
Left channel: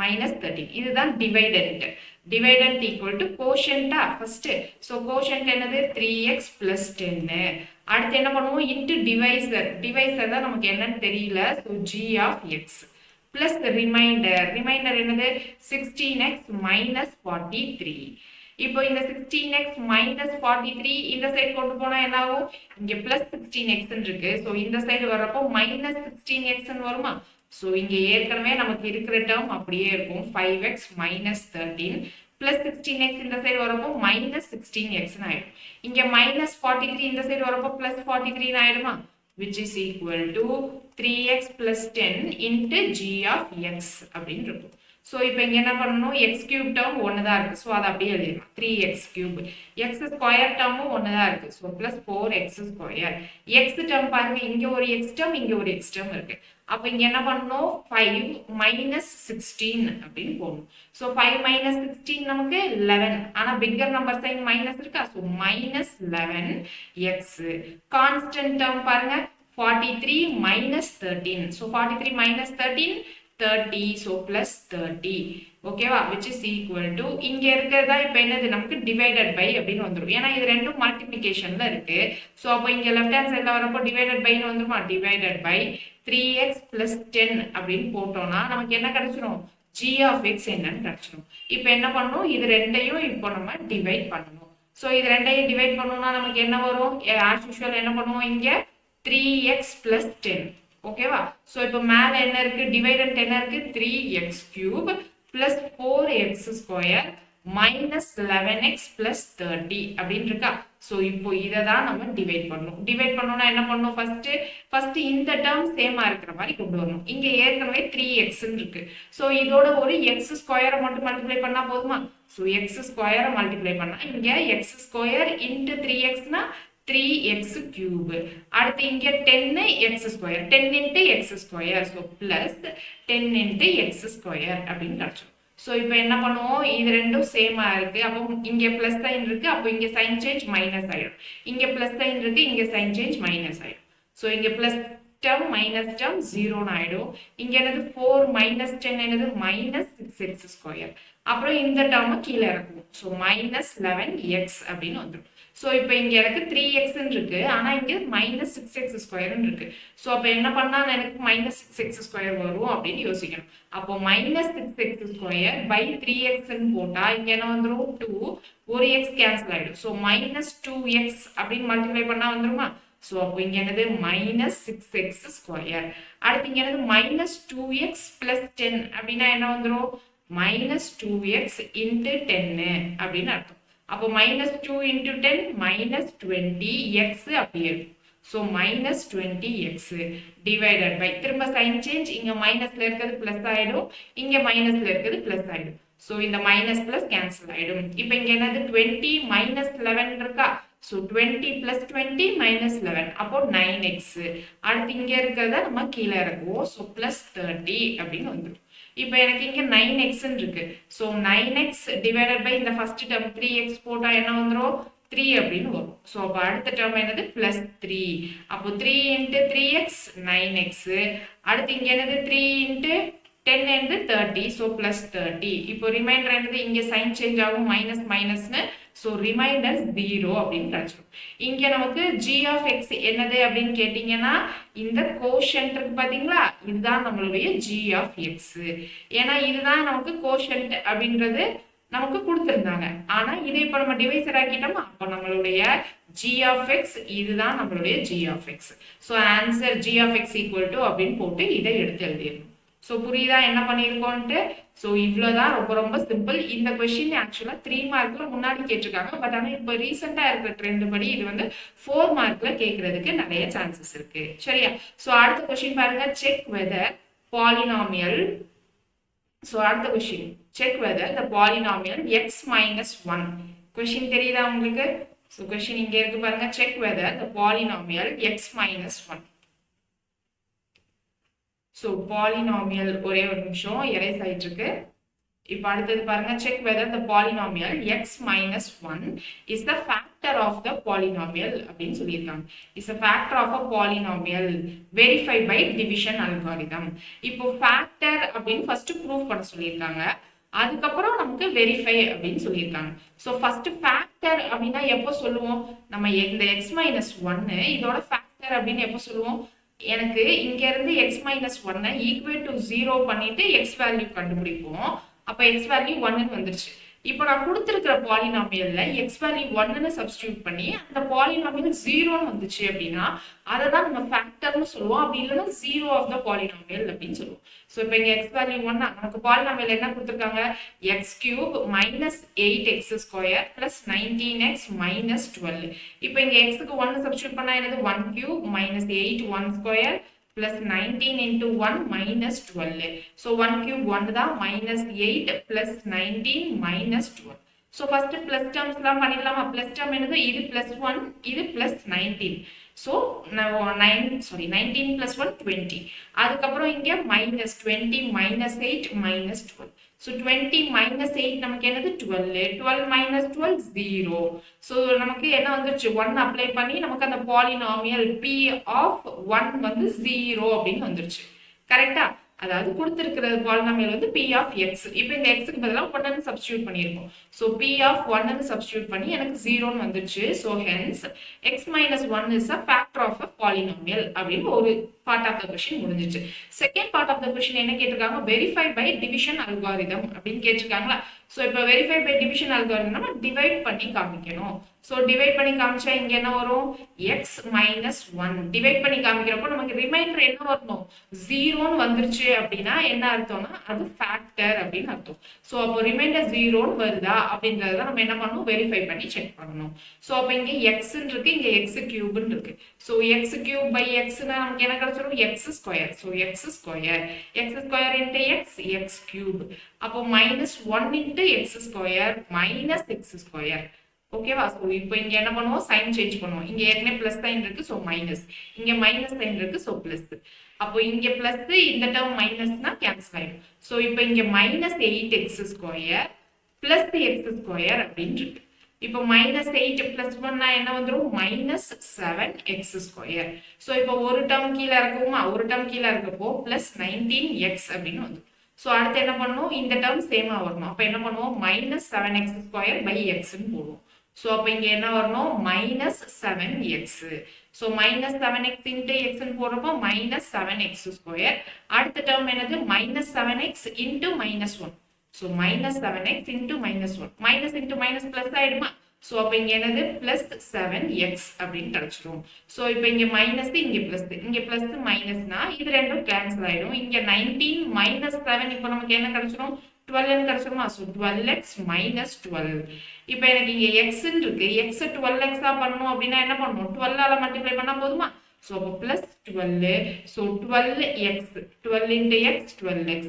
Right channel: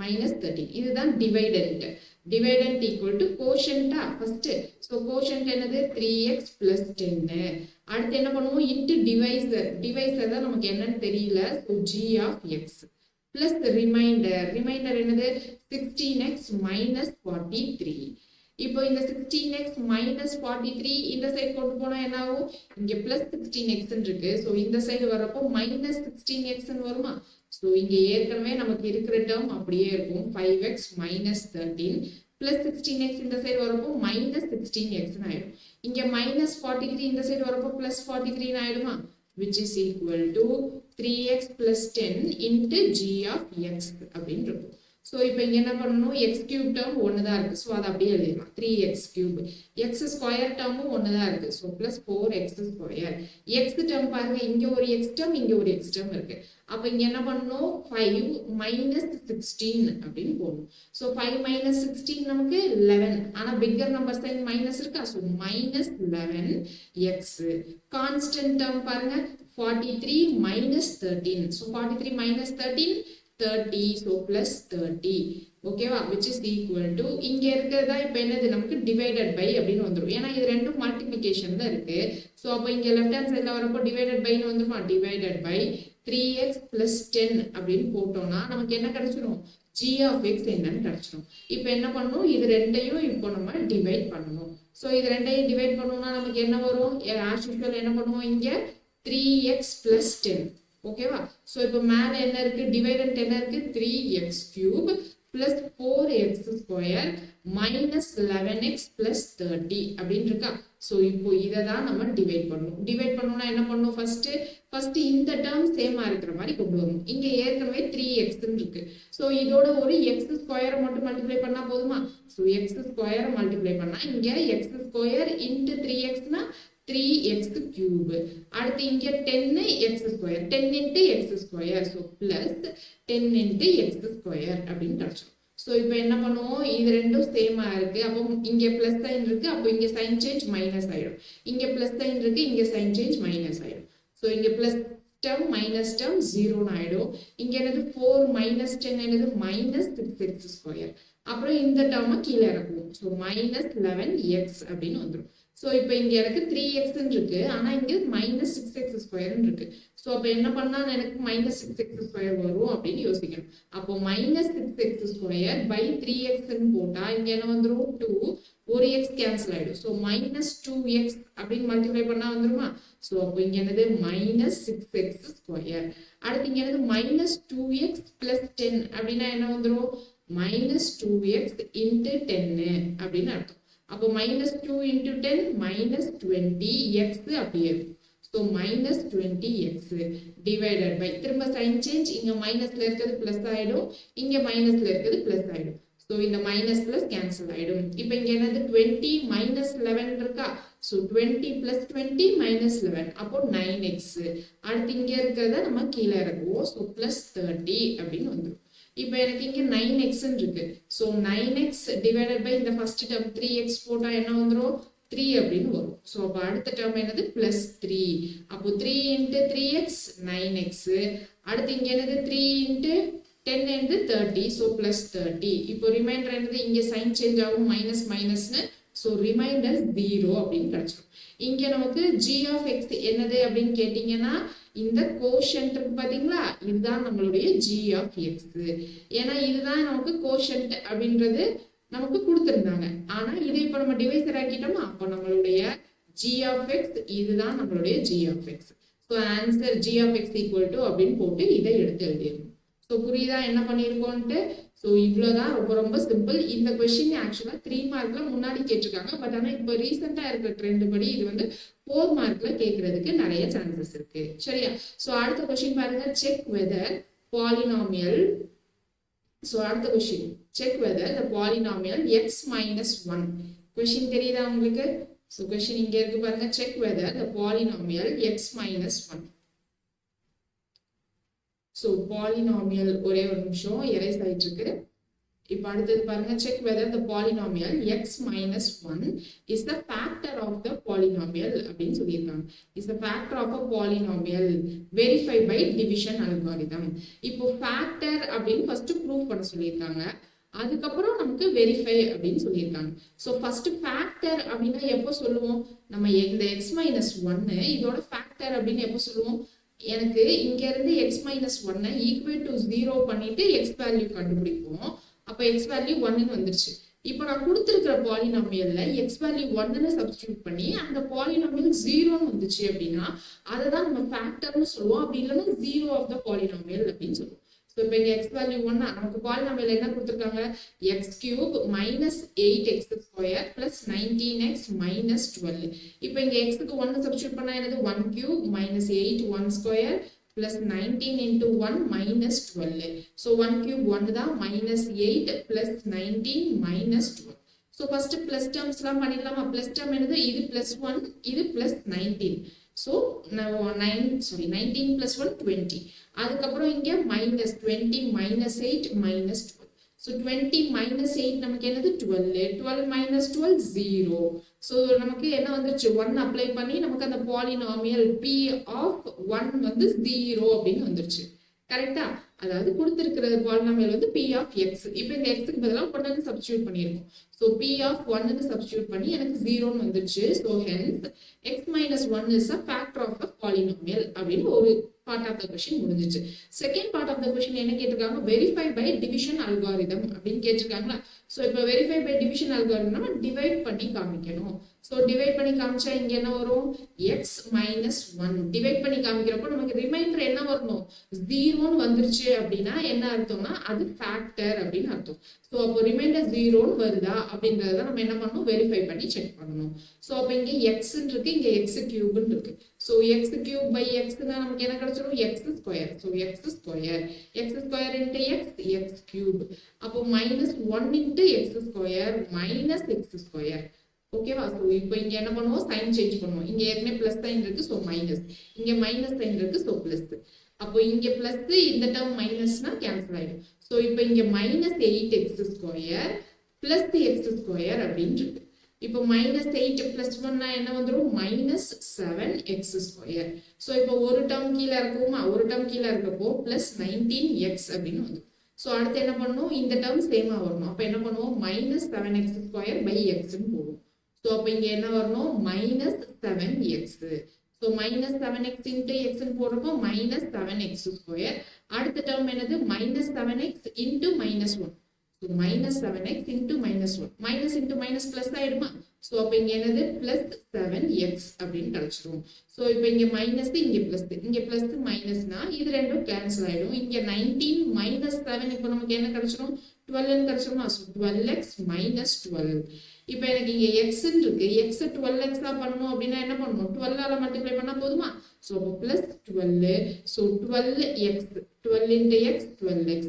minus 13. இதுதான் டிவைடன்ட். டிவைடன்ட் ஈக்குவல் டு கோஷன்டா ஃபர்ஸ்ட். ஸோ கோஷன்ட் என்னது 3x plus 10. அடுத்து என்ன பண்ணுவோம், இன்டு டிவைசர். டிவைசர் தான் நமக்கு என்னன்னு தெரியல. So g of x plus remainder. Remainder என்னது 16x minus 43. இப்போ இந்த 16x minus 43 இந்த சைடு கொண்டு போனா என்ன ஆகும், இங்க plus 16x இருக்கு. ஸோ இந்த சைடு வர்றப்போ minus 16x வருமா. ஸோ இங்க ஏற்கனவே நமக்கு இருக்கிற டேர்ம் அப்படியே இருக்கும், 5x minus 13 plus 16x இந்த சைடு வரப்போ minus 16x ஆயிடும். இங்க minus 43 இந்த சைடு வரப்போ plus 43 ஆயிடுமா, which is equal to 3x plus 10 into g of x அப்படின்னு இருக்கும். ஸோ இப்போ இங்க என்ன பண்ணணும், எக்ஸ் கியூப் டேர்ம் ஒன்று தான் இருக்கு. ஸோ அதை அப்படியே எழுதிடலாம், 3x கியூப். எக்ஸ் ஸ்கொயர் டேர்மும் ஒன்று தான் இருக்கு. So plus 4x square. X term பாருங்க, இங்க ஒரு எக்ஸ் டேர்ம் இங்க ஒரு எக்ஸ் டேர்ம் இருக்கு. அப்போ இங்க என்ன பண்ணணும், 5 minus 16 அப்படின்னு போடணும். ஸோ 5 minus 16 நமக்கு 11. ஆனா பிக்கர் நம்பர் சைன் மைனஸ் இருக்கா. So minus 11x. Constant term பாருங்க, 43 minus 13. So 43 minus 13 30. So plus 30. ஓகேவா, which is equal to இங்க இருக்கிறதா இப்போ என்னது நமக்கு டிவைடட் பை அப்படின்னு வந்துடும். ஏன்னா இது ரெண்டும் மல்டிப்ளிகேஷன்ல இருக்கு. ஸோ அப்போ இங்க லெஃப்ட் ஹேண்ட் சைட்ல வரப்போ டிவைடட் பைன்னு வந்துருமா, டிவைடட் பை 3x plus 10 அப்படின்னு போட்டோம்னா நமக்கு என்ன கிடைச்சிடும், g of x என்னன்னு கிடைச்சிடும். இப்போ என்ன பண்ணணும், இது ரெண்டையும் இப்போ நம்ம டிவைட் பண்ணணும். ஸோ இது ரெண்டையும் டிவைட் பண்ணணும்னா நமக்கு என்ன வரும், ஆஸ் யூஷுவல் என்ன பண்ணுவோம், இங்க 3x plus 10. ஓகேவா. ஸோ இப்போ மேல என்ன இருக்கு, டிவைடன்ட் என்ன இருக்கு, 3x cube plus 4x square minus 11x plus 30 அப்படின்னு இருக்கா. ஸோ இப்போ இதை தான் நம்ம டிவைட் பண்ணணும். டிவைட் பண்ணணும்னா என்ன பண்ணணும், ஃபர்ஸ்ட் இந்த டேர்ம் சேமா இருக்கிற மாதிரி கொண்டு வரணும். இங்க ஏற்கனவே 3x இருக்கு. ஸோ இதோட ஒரு எக்ஸ் ஸ்கொயரை மட்டும் மல்டிப்ளை பண்ணா போதுமா. ஸோ எக்ஸ் ஸ்கொயரை மல்டிப்ளை பண்ணா இங்க எக்ஸ் ஸ்கொயர் இன்டு 3xனா 3x cube. அடுத்து இங்க 10x square, 10 into x square. So plus 10 into x square அப்படின்னு கிடைச்சோம். ஸோ இப்போ என்ன பண்ணுவோம், இது ரெண்டும் சேமா இருக்கு. அப்போ இங்க பிளஸ் சைன் இருக்கு, அப்போ இங்க சைன் சேஞ்ச் மைனஸ் ஆயிடும். இங்க பிளஸ் சைன் இருக்கு, இங்க சைன் சேஞ்ச் மைனஸ் ஆயிடும். ஸோ இங்க பிளஸ் டேர்ம் மைனஸ் டேர்ம் 0 ஆயிடும். இங்க என்னது 4 minus 10 என்னது minus 6x square. அப்புறம் இந்த டேர்மை கீழே இறக்குவோம். ஸோ minus 11x அப்படின்னு வந்துடும். ஸோ இப்போ இங்கே எனக்கு 3x இருக்கு ஆனால் இங்கே மைனஸ் 6x² இருக்கு. ஸோ அப்போ என்ன பண்ணால் எனக்கு மைனஸ் 6x² வரும் அப்படின்னு யோசிக்கணும். அப்போ மைனஸ் 6x² பை 3xன்னு போட்டால் இங்கே என்ன வந்துடும் 2, ஒரு எக்ஸ் கேன்சல் ஆகிடும். ஸோ மைனஸ் 2x அப்படின்னு மல்டிப்ளை பண்ணால் வந்துருமா? ஸோ அப்போ இங்கே என்னது மைனஸ் 6x². அடுத்து இங்கே என்னது மைனஸ் 2x பிளஸ் 10 அப்படின்னா என்ன வந்துடும்? மைனஸ் 2x இன்ட்டு 10 அப்படின்னு அர்த்தம். அப்போ மைனஸ் 2 இன்ட்டு 10 மைனஸ் 20x அப்படியே இருக்கும். So minus 20x divided by திரும்ப சைன் சேஞ்ச், இங்கே மைனஸ்ல இருக்கிறது பிளஸ் ஆகிடும், இங்கே மைனஸ்ல இருக்கிறது பிளஸ் ஆகிடும். ஸோ இந்த மைனஸ் பிளஸ் கேன்சல் ஆகிடும். இப்போ இங்கே என்னது 20 மைனஸ் 11 இருக்கா? ஸோ 20 பிளஸ் 20 மைனஸ் 11 அப்போ 9x. அடுத்து இங்கே இருக்கிறத நம்ம கீழே இறக்குவோம். ஸோ பிளஸ் 30 அப்படின்னு வந்துடும். இப்போ எனக்கு இங்கே 9x இருக்கு. ஸோ 9x டிவைடட் பை இந்த ஃபர்ஸ்ட் டேர்ம் 3x போட்டால் என்ன வந்துடும்? 3 அப்படின்னு வரும். ஸோ அப்போ அடுத்த டேர்ம் என்னது? பிளஸ் 3. அப்போ 3 இன்ட்டு 3x 9x. அடுத்து இங்கே என்னது? 3 இன்ட்டு 10 இன்ட்டு 30. So plus 30. இப்போ ரிமைண்டர் என்னது? இங்கே சைன் சேஞ்ச் ஆகும், மைனஸ் மைனஸ்னு. ஸோ ரிமைண்டர் 0 அப்படின்னு கிடைச்சிடும். இங்கே நமக்கு g of x என்னது அப்படின்னு கேட்டிங்கன்னா இந்த கோஷன்ட் இருக்கு பார்த்தீங்களா, இதுதான் நம்மளுடைய g of x. ஏன்னா இதுதான் நமக்கு கோஷன்ட் அப்படின்றது நமக்கு கொடுத்துருந்தாங்க. ஆனால் இதை இப்போ நம்ம டிவைசர் ஆக்கிட்டோமா, அப்போ நம்மளுடைய g of x இதுதான் நம்மளுடைய g of x. So answer g of x equal to அப்படின்னு போட்டு இதை எடுத்து எழுதிடணும். ஸோ புரியுதா என்ன பண்ணியிருக்கோன்ட்டு? ஸோ இவ்வளோதான், ரொம்ப ரொம்ப சிம்பிள். இந்த கொஸ்டின் ஆக்சுவலாக 3 மார்க்ல முன்னாடி கேட்டிருக்காங்க. பட் ஆனால் இப்போ ரீசெண்டாக இருக்கிற ட்ரெண்ட் படி இது வந்து 4 மார்க்ல கேட்கறதுக்கு நிறைய சான்சஸ் இருக்கு. சரியா? ஸோ அடுத்த கொஸ்டின் பாருங்க, செக் வெதர் பாலினாமியல். ஸோ அடுத்த question, check whether the polynomial x minus 1. Question தெரியுதா உங்களுக்கு? ஸோ கொஸ்டின் இங்கே இருக்கு பாருங்க, check whether the polynomial x minus 1. So polynomial ஒரே ஒரு நிமிஷம் எரேஸ் ஆயிட்டு இருக்கு. இப்போ அடுத்தது பாருங்க, check whether the polynomial x minus 1 is the factor of the polynomial அப்படின்னு சொல்லியிருக்காங்க. Is the factor of a polynomial verify by division algorithm. இப்போ ஃபேக்டர் அப்படின்னு ஃபர்ஸ்ட் ப்ரூவ் பண்ண சொல்லியிருக்காங்க, அதுக்கப்புறம் நமக்கு வெரிஃபை அப்படின்னு சொல்லியிருக்காங்க. ஸோ ஃபர்ஸ்ட் ஃபேக்டர் அப்படின்னா எப்போ சொல்லுவோம்? நம்ம இந்த x மைனஸ் 1 இதோட ஃபேக்டர் அப்படின்னு எப்போ சொல்லுவோம்? எனக்கு இங்க இருந்து x மைனஸ் 1 ஈக்குவேட் டு 0 பண்ணிட்டு x வேல்யூ கண்டுபிடிப்போம். அப்ப x வேல்யூ 1ன்னு வந்துருச்சு. இப்போ நான் கொடுத்துருக்கிற பாலினாமியல்ல x வேல்யூ 1ன்னு சப்ஸ்டியூட் பண்ணி அந்த பாலினாமியல் 0ன்னு வந்துச்சு அப்படின்னா அதை தான் நம்ம ஃபேக்டர்னு சொல்லுவோம். அப்படி இல்லைன்னா 0 ஆஃப் த பாலினாமியல் அப்படின்னு சொல்லுவோம். ஸோ இப்போ இங்கே x வேல்யூ 1 நமக்கு பாலினாமியல் என்ன கொடுத்துருக்காங்க? x³ minus 8x² plus 19x minus 12. இப்போ இங்கே xக்கு 1 சப்ஸ்டியூட் பண்ணா என்னது? 1³ minus 8 1² plus 19 into 1 minus 12. So 1 cube 1 தான் minus 8 plus 19 minus 12. So first plus terms லாம் பண்ணிடலாமா? plus term என்னது? இது plus 1, இது plus 19. So 19 plus 1 20. அதுக்கப்புறம் இங்க minus 20 minus 8 minus 12. So 20 minus 8 நமக்கு என்னது? 12. 12 minus 12 0. So நமக்கு என்ன வந்துருச்சு? 1 அப்ளை பண்ணி நமக்கு அந்த பாலினாமியல் p of 1 வந்து 0 அப்படின்னு வந்துருச்சு. கரெக்டா? அதாவது கொடுத்திருக்கிறது பாலினாமியல் வந்து p of x. இப்போ இந்த x க்கு பதிலா 1ன்னு சப்ஸ்டிட்யூட் பண்ணியிருக்கோம். ஸோ p of 1ன்னு சப்ஸ்டிட்யூட் பண்ணி எனக்கு 0ன்னு வந்துருச்சு. So hence x minus 1 is a factor of a polynomial அப்படின்னு ஒரு part of the question முடிஞ்சிச்சு. Second part of the question என்ன கேட்டிருக்காங்க? வெரிஃபை பை டிவிஷன் அல்காரிதம் அப்படின்னு கேட்டிருக்காங்களா? ஸோ இப்போ வெரிஃபை பை டிவிஷன் அல்காரிதம் நம்ம டிவைட் பண்ணி காமிக்கணும். ஸோ டிவைட் பண்ணி காமிச்சா இங்க என்ன வரும்? x minus 1 டிவைட் பண்ணி காமிக்கிறப்போ நமக்கு ரிமைண்டர் என்ன வரணும்? 0ன்னு வந்துருச்சு அப்படின்னா என்ன அர்த்தம்னா அது ஃபேக்டர் அப்படின்னு அர்த்தம். ஸோ அப்போ ரிமைண்டர் 0ன்னு வருதா அப்படின்றத நம்ம என்ன பண்ணணும்? வெரிஃபை பண்ணி செக் பண்ணணும். ஸோ அப்போ இங்கே எக்ஸ்ன்னு இருக்கு, இங்கே x³ இருக்கு. ஸோ x³ பை எக்ஸ்னா நமக்கு என்ன கிடைச்சிடும்? x². So x² into x³ அப்போ minus 1 into x² minus x². ஓகேவா? ஸோ இப்போ இங்கே என்ன பண்ணுவோம்? சைன் சேஞ்ச் பண்ணுவோம். இங்கே ஏற்கனவே பிளஸ் சைன் இருக்கு, ஸோ மைனஸ். இங்கே மைனஸ் சைன் இருக்கு, ஸோ பிளஸ். அப்போ இங்கே பிளஸ், இந்த டேர்ம் மைனஸ்னா கேன்சல் ஆயிடும். ஸோ இப்போ இங்கே மைனஸ் 8x² பிளஸ் x² அப்படின்னு இருக்கு. இப்போ மைனஸ் 8 பிளஸ் 1 என்ன வந்துடும்? Minus 7x². ஸோ இப்போ ஒரு டேர்ம் கீழே இருக்குமா? ஒரு டேர்ம் கீழே இருக்கப்போ பிளஸ் 19x அப்படின்னு வந்துடும். ஸோ அடுத்து என்ன பண்ணணும்? இந்த டேர்ம் சேமா வரணும். அப்போ என்ன பண்ணுவோம்? மைனஸ் 7x² பை எக்ஸ்ன்னு போடுவோம். ஸோ அப்போ இங்கே என்ன வரணும் minus 7x. So minus 7x into எக்ஸ்ன்னு போடுறப்போ மைனஸ் 7x ஸ்கொயர். அடுத்த டேர்ம் என்னது minus 7x into minus 1. So minus 7x into minus 1. Minus into minus plus ஆயிடுமா? ஸோ அப்போ இங்கே என்னது பிளஸ் 7x அப்படின்னு கிடைச்சிடும். ஸோ இப்போ இங்கே மைனஸ் இங்கே பிளஸ் மைனஸ்னா இது ரெண்டும் கேன்சல் ஆயிடும். இங்கே 19 மைனஸ் 7 இப்போ நமக்கு என்ன கிடைச்சிடும் 12 கிடைச்சிருமா? So 12x minus 12. இப்போ எனக்கு இங்கே எக்ஸ்ன்னு இருக்கு. எக்ஸ் 12x பண்ணணும் அப்படின்னா என்ன பண்ணணும்? 12ஆல மல்டிப்ளை பண்ணா போதுமா? ஸோ அப்போ plus 12. So 12x 12 into X 12x.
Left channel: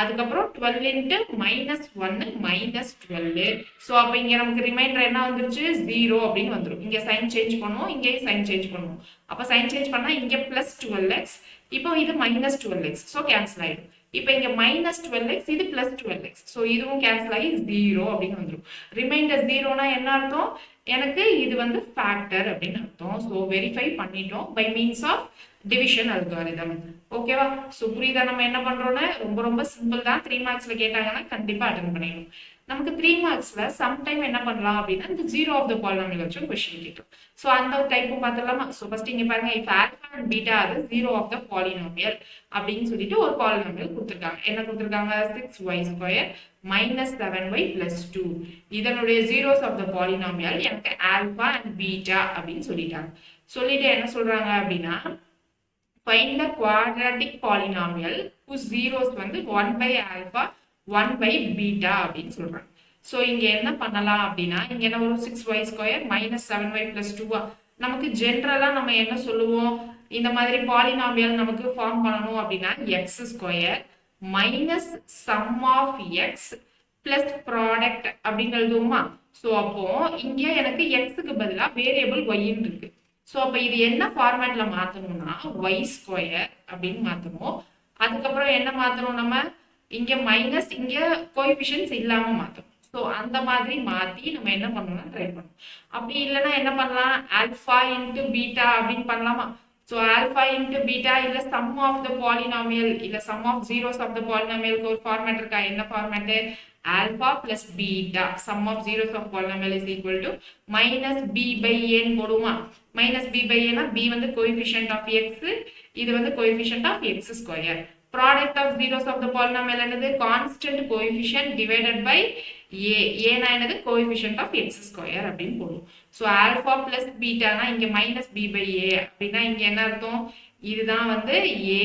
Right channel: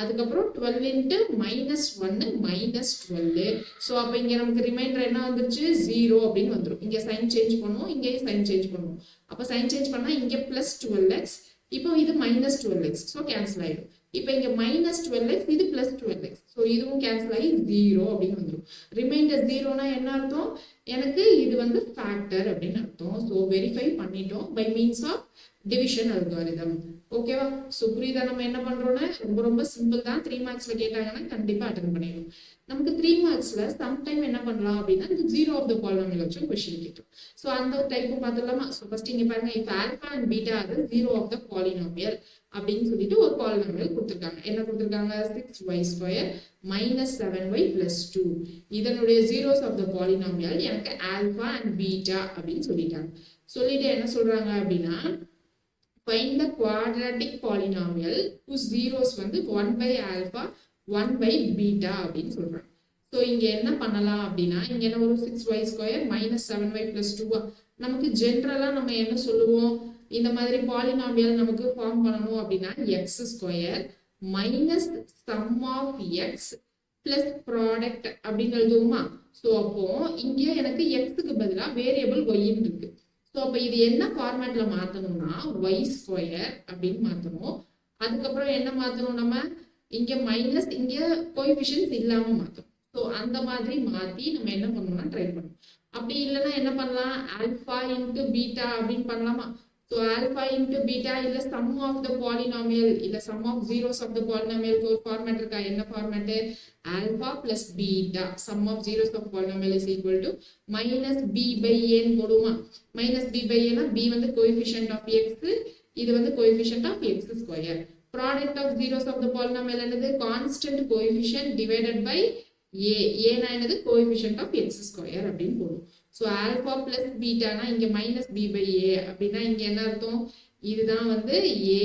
அதுக்கப்புறம் 12 இன்ட்டு மைனஸ் 1 மைனஸ் 12. ஸோ அப்போ இங்கே நமக்கு ரிமைண்டர் என்ன வந்துருச்சு 0 அப்படின்னு வந்துடும். இங்கே சைன் சேஞ்ச் பண்ணுவோம், இங்கேயும் சைன் சேஞ்ச் பண்ணுவோம். அப்போ சைன் சேஞ்ச் பண்ணால் இங்கே பிளஸ் 12x, இப்போ இது மைனஸ் 12x. ஸோ கேன்சல் ஆயிடும். இப்போ இங்க மைனஸ் 12x, இது பிளஸ் 12x. ஸோ இதுவும் கேன்சல் ஆகி 0 அப்படின்னு வந்துடும். ரிமைண்டர் 0னா என்ன அர்த்தம்? எனக்கு இது வந்து ஃபேக்டர் அப்படின்னு அர்த்தம். ஸோ வெரிஃபை பண்ணிட்டோம் by means of division algorithm. ஓகேவா? ஸோ புரியுதா நம்ம என்ன பண்றோம்னா? ரொம்ப ரொம்ப சிம்பிள் தான். 3 மார்க்ஸ்ல கேட்டாங்கன்னா கண்டிப்பா அட்டன் பண்ணிடணும். நமக்கு 3 மார்க்ஸ்ல சம்டைம் என்ன பண்ணலாம் அப்படின்னா இந்த 0 ஆஃப் த பாலினாமியல் வச்சு கொஸ்டின் கேட்கும். ஸோ அந்த டைப்பும் பார்த்துடலாமா? ஸோ ஃபர்ஸ்ட் இங்க பாருங்க, இஃப் ஆல்பா அண்ட் பீட்டா அது 0 ஆஃப் த பாலினாமியல் அப்படின்னு சொல்லிட்டு ஒரு பாலினாமியல் கொடுத்துருக்காங்க. என்ன கொடுத்துருக்காங்க? 6y square minus 7y plus 2. இதனுடைய ஜீரோஸ் ஆஃப் த பாலினாமியல் எனக்கு ஆல்பா அண்ட் பீட்டா அப்படின்னு சொல்லிட்டாங்க. சொல்லிட்டு என்ன சொல்றாங்க அப்படின்னா find the quadratic polynomial whose zeros வந்து 1 by alpha 1 by beta அப்படின்னு சொல்றாங்க. ஸோ இங்க என்ன பண்ணலாம் அப்படின்னா இங்க என்ன ஒரு 6y square minus 7y plus 2. நமக்கு ஜென்ரலா நம்ம என்ன சொல்லுவோம்? இந்த மாதிரி பாலினாமியல் நமக்கு ஃபார்ம் பண்ணணும் அப்படின்னா x square minus sum of x plus product அப்படின்னு எழுதுவோமா? ஸோ அப்போ இங்க எனக்கு எக்ஸுக்கு பதிலாக வேரியபிள் ஒய்ன்னு இருக்கு. ஸோ அப்போ இது என்ன ஃபார்மேட்ல மாற்றணும்னா ஒய் ஸ்கொயர் அப்படின்னு மாற்றணும். அதுக்கப்புறம் என்ன மாற்றணும்? நம்ம இங்க மைனஸ் இங்க கோஎஃபிஷியன்ட்ஸ் இல்லாம மாற்றணும். ஸோ அந்த மாதிரி மாற்றி நம்ம என்ன பண்ணணும்னா ட்ரை பண்ணணும். அப்படி இல்லைன்னா என்ன பண்ணலாம்? ஆல்ஃபா இன்ட்டு பீட்டா அப்படின்னு பண்ணலாமா? ஸோ ஆல்ஃபா இன்ட்டு பீட்டா இல்லை சம் ஆஃப் த பாலினாமியல் இல்லை sum of zeros of the பாலினாமியலுக்கு ஒரு ஃபார்மேட் இருக்கா? என்ன format? Alpha plus beta sum of zeros of polynomial is equal to minus B by ஏன்னு போடுவோமா? மைனஸ் பி பை ஏனா B வந்து கோஎஃபிஷியன்ட் ஆஃப் எக்ஸ், இது வந்து coefficient of X square. Product of zeros of the polynomial என்னது? Constant coefficient divided by A. ஏனா என்னது? Coefficient of X square அப்படின்னு போடுவோம். ஸோ ஆல்ஃபா பிளஸ் பீட்டானா இங்க மைனஸ் பி பை ஏ அப்படின்னா இங்க என்ன அர்த்தம்? இதுதான் வந்து A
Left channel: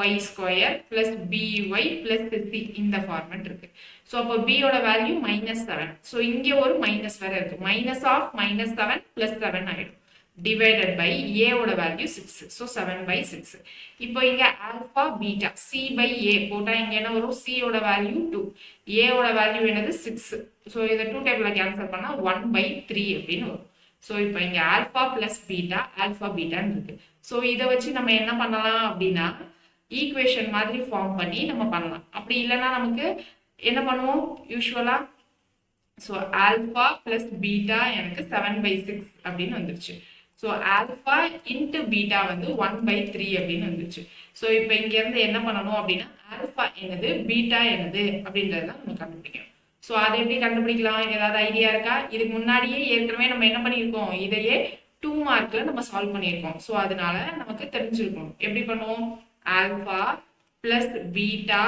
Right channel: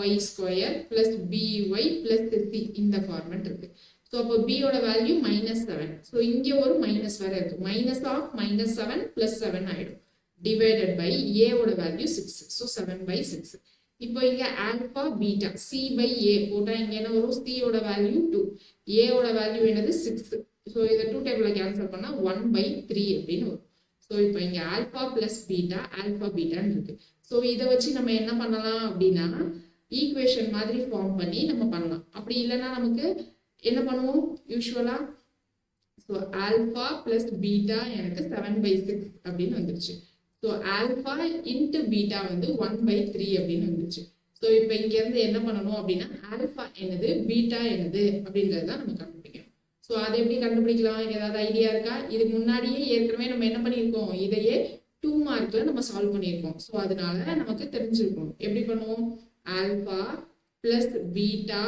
Y square plus B Y plus C இந்த ஃபார்மேட் இருக்கு. ஸோ அப்போ பியோட வேல்யூ மைனஸ் 7. ஸோ இங்க ஒரு மைனஸ் வேற இருக்கு. மைனஸ் ஆஃப் மைனஸ் 7 பிளஸ் 7 ஆயிடும். டிவைடட் பை ஏவோட வேல்யூ 6. So 7 by 6. இப்போ இங்க ஆல்பா பீட்டா சி பை ஏ போட்டா இங்க என்ன வரும்? சியோட வேல்யூ 2, ஏவோட வேல்யூ என்னது 6. ஸோ இதை 2 டேபிள்ல கேன்சல் பண்ணா 1/3 அப்படின்னு வரும். ஸோ இப்போ இங்க ஆல்பா பிளஸ் பீட்டா ஆல்பா பீட்டான்னு இருக்கு. ஸோ இதை வச்சு நம்ம என்ன பண்ணலாம் அப்படின்னா ஈக்குவேஷன் மாதிரி ஃபார்ம் பண்ணி நம்ம பண்ணலாம். அப்படி இல்லைன்னா நமக்கு என்ன பண்ணுவோம் யூஸ்வலா? ஸோ ஆல்பா பிளஸ் பீட்டா எனக்கு 7/6 அப்படின்னு வந்துருச்சு. ஸோ ஆல்பா இன்ட்டு பீட்டா வந்து 1/3 அப்படின்னு வந்துருச்சு. ஸோ இப்போ இங்க இருந்து என்ன பண்ணணும் அப்படின்னா ஆல்பா என்னது பீட்டா என்னது அப்படின்றது தான் நம்ம கண்டுபிடிக்கணும். ஸோ அதை எப்படி கண்டுபிடிக்கலாம்? ஏதாவது ஐடியா இருக்கா? இதுக்கு முன்னாடியே ஏற்கனவே நம்ம என்ன பண்ணியிருக்கோம்? இதையே 2 மார்க்ல நம்ம சால்வ் பண்ணியிருக்கோம். ஸோ அதனால நமக்கு தெரிஞ்சிருக்கணும். எப்படி பண்ணுவோம்? Alpha plus beta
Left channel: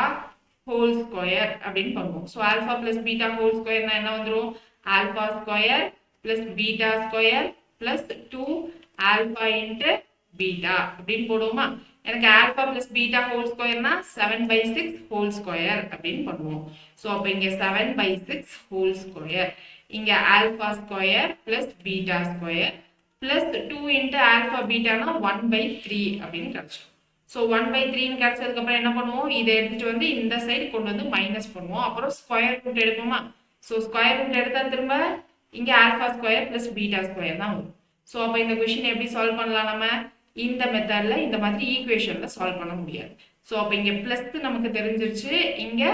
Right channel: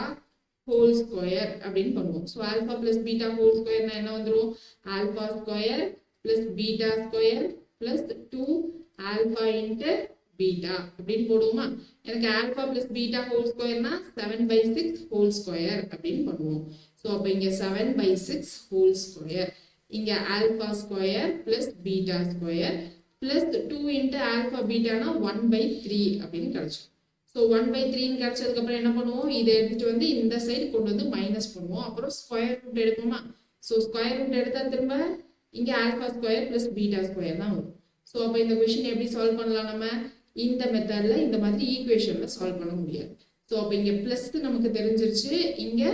whole square அப்படின்னு பண்ணுவோம். So alpha plus beta whole ஸ்கொயர்னா என்ன வந்துடும்? Alpha square plus beta square plus 2 alpha into beta அப்படின்னு போடுவோமா? எனக்கு ஆல்பா பிளஸ் பீட்டா ஹோல் ஸ்கொயர்னா 7/6 ஹோல் ஸ்கொயர் அப்படின்னு பண்ணுவோம். ஸோ அப்போ இங்கே 7/6 ஹோல் ஸ்கொயர், இங்கே alpha square plus beta square plus 2 into alpha பீட்டானா 1/3 அப்படின்னு கிடைச்சோம். ஸோ 1/3ன்னு கிடைச்சதுக்கு அப்புறம் என்ன பண்ணுவோம்? இதை எடுத்துட்டு வந்து இந்த சைடு கொண்டு வந்து மைனஸ் பண்ணுவோம். அப்புறம் ஸ்கொயர் ரூட் எடுப்போமா? ஸோ ஸ்கொயர் ரூட் எடுத்தா திரும்ப இங்கே alpha square plus beta square தான் வரும். ஸோ அப்போ இந்த கொஸ்டின் எப்படி சால்வ் பண்ணலாம்? நம்ம இந்த மெத்தட்ல இந்த மாதிரி ஈக்குவேஷன்ல சால்வ் பண்ண முடியாது. ஸோ அப்போ இங்கே பிளஸ் நமக்கு தெரிஞ்சிருச்சு, இங்கே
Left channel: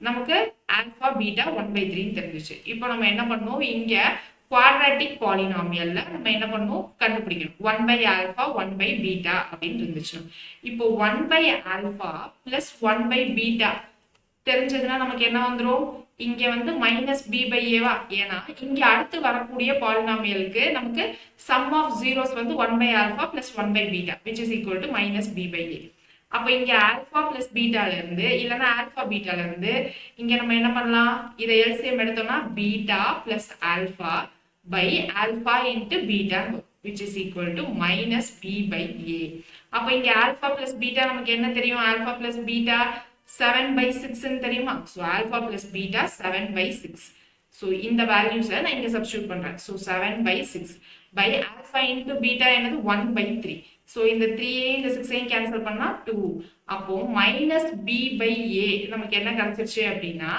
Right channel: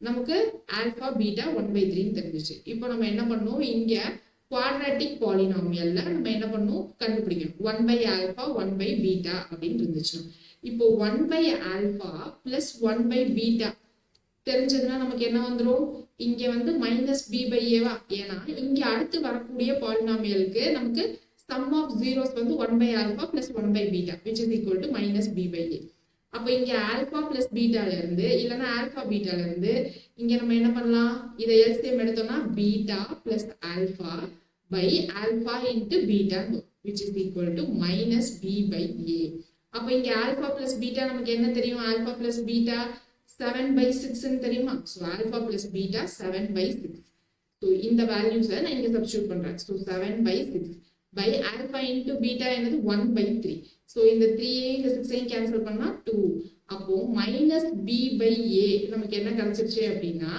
நமக்கு ஆல்பா பீட்டா 1/3 தெரிஞ்சிச்சு. இப்போ நம்ம என்ன பண்ணுவோம்? இங்கே குவாட்ராட்டிக் பாலினாமியல்ல நம்ம என்ன பண்ணுவோம்? கண்டுபிடிக்கணும். 1/α 1/β அப்படின்னு இருந்துச்சு. இப்போ 1/α பிளஸ் 1/β தெரிஞ்சதுன்னா நமக்கு என்ன வந்துடும்? இங்க வந்து மைனஸ் பி பை ஏவா, ஏன்னா இங்க அடுத்து வரக்கூடிய பாலினாமியலுக்கு நமக்கு சம் ஆஃப் ஜீரோஸ் வந்து 1 by alpha plus 1 by beta which is equal to minus B by A. அப்ப இங்க ஆல்பா பிளஸ் பீட்டால இருந்து இல்லைன்னா ஆல்பா பீட்டால இருந்து இங்க நம்ம என்ன பண்ணலாம், இதை எல்சிஎம் எடுத்தோம்னா beta plus alpha by alpha into beta which is equal to minus b by a. அப்ப இங்க alpha plus beta நமக்கு என்ன தெரியும், alpha plus beta 7 by 6 ன்னு தெரியுமா. so alpha plus beta 7 by 6. so இந்த values நான் இங்க substitute பண்றேன். so 7 by 6 by alpha into beta என்னது 1 by 3. so இந்த 3 இந்த 6 cancel பண்ணா 2. அப்போ minus b by a நமக்கு என்ன கிடைச்சிருச்சு அப்படின்னா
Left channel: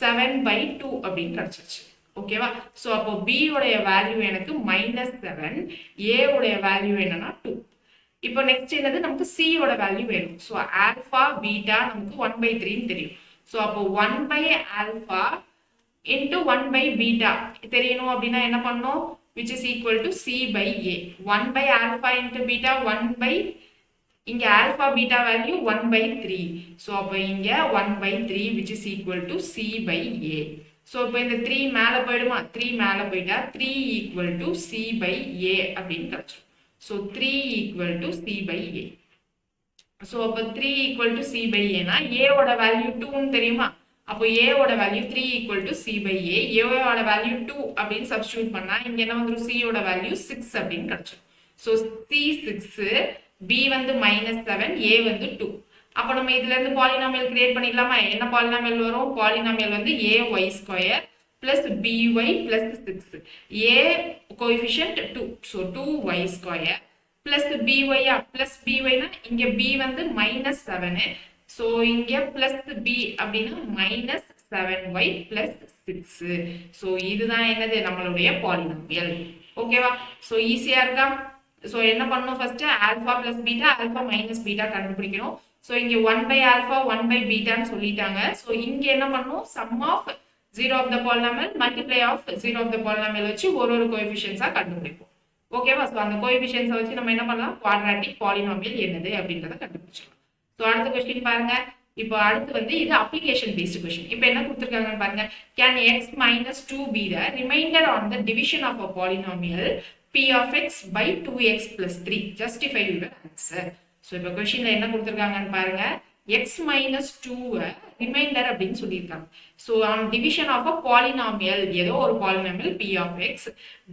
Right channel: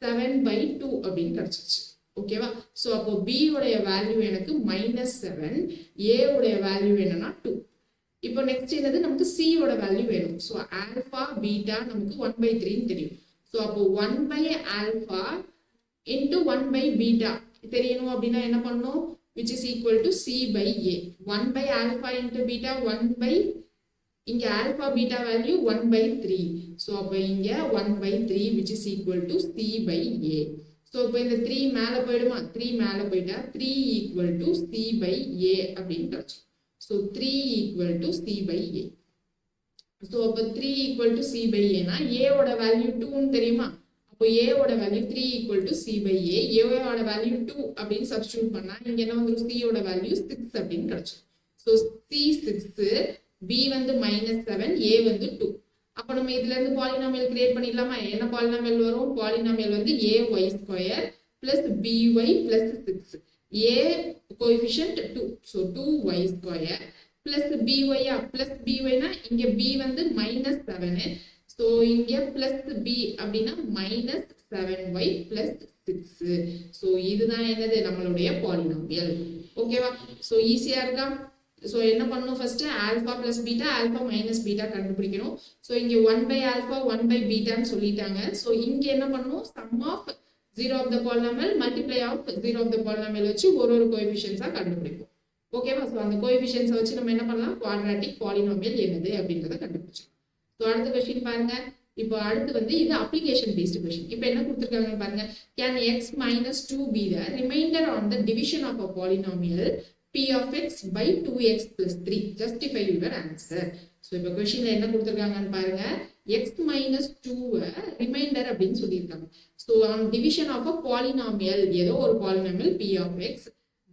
7 by 2 அப்படின்னு கிடைச்சிருச்சு. ஓகேவா. சோ அப்போ b உடைய வேல்யூ எனக்கு -7, a உடைய வேல்யூ என்னன்னா 2. இப்போ நெக்ஸ்ட் என்னது, நமக்கு c ஓட வேல்யூ வேணும். சோ ஆல்பா பீட்டா நமக்கு 1/3 ன்னு தெரியும். சோ அப்போ 1 by alpha into 1 by beta தெரியணும் அப்படின்னா என்ன பண்ணணும், which is equal to c by a. 1 by alpha into beta 1 by இங்க ஆல்பா பீட்டா வேல்யூ 1/3. சோ அப்போ இங்க 1/3 which is equal to c by a. so இப்போ இந்த 3 மேல போயிடுமா, 3 மேல போயிட்டா 3 equal to c by a அப்படின்னு கிடைச்சிடும். so 3 equal to c by a. so அப்போ 3 equal to c by a னா a ஓட வேல்யூ 2 ன்னு தெரியுமா. அப்போ a ஓட value 3 equal to c by a. a ஓட வேல்யூ 2 அப்படின்னு சப்ஸ்டிட்யூட் பண்ணா இங்க என்ன வந்துரும், c ஓட வேல்யூ 6 அப்படின்னு கிடைச்சிடும். so c 6, b வந்து -7, a வந்து 2. அப்ப நம்ம இதுல இருந்து பாலினாமியல் கிரியேட் பண்ணிடலாமா. என்ன பாலினாமியல் வரும், பாலினாமியல் வந்து ay square plus by plus 6. a coefficient 2, so 2y square plus by plus by னா இங்க b வந்து -7, so இங்க பிளஸ் b அப்படின்னா -7y பிளஸ் 6. so இதுதான் என்னது நம்மளுடைய பாலினாமியல். ஓகேவா. so ஈஸியா இருக்கா. so என்ன பண்ணணும், first alpha plus beta alpha minus beta கண்டுபிடிக்கணும். so இங்க 1 by ஆல்பா 1 by பீட்டான்னு சொல்லிட்டாங்க. so இங்க என்ன பண்ணணும், sum of 0 of the polynomial multiply of 0 of the polynomial வச்சு ஒரு கோஎஃபிஷியன்ட்ஸா கண்டுபிடிப்போம். ஓகேவா. so அந்த கோஎஃபிஷியன்ட்ஸை வச்சு நம்ம என்ன பண்ணலாம், குவாட்ராட்டிக் பாலினாமியல் என்னது அப்படின்றத கண்டுபிடிச்சோம். so அடுத்த क्वेश्चन பாருங்க. இப்போ அடுத்து வந்து இது அப்ளிகேஷன் பேஸ்ட் क्वेश्चन. இப்போ என்ன கொடுத்திருக்காங்கன்னு பாருங்க. can x minus 2 be the remainder on the division of a polynomial p of x by 2x plus 3? justify your answer. so இப்போ क्वेश्चनல என்ன கொடுத்திருக்காங்கன்னு பாருங்க. x minus 2 ரிமைண்டர் அப்படின்னு சொல்லியிருக்காங்க. so on division of a polynomial, ஏதோ ஒரு polynomial p of x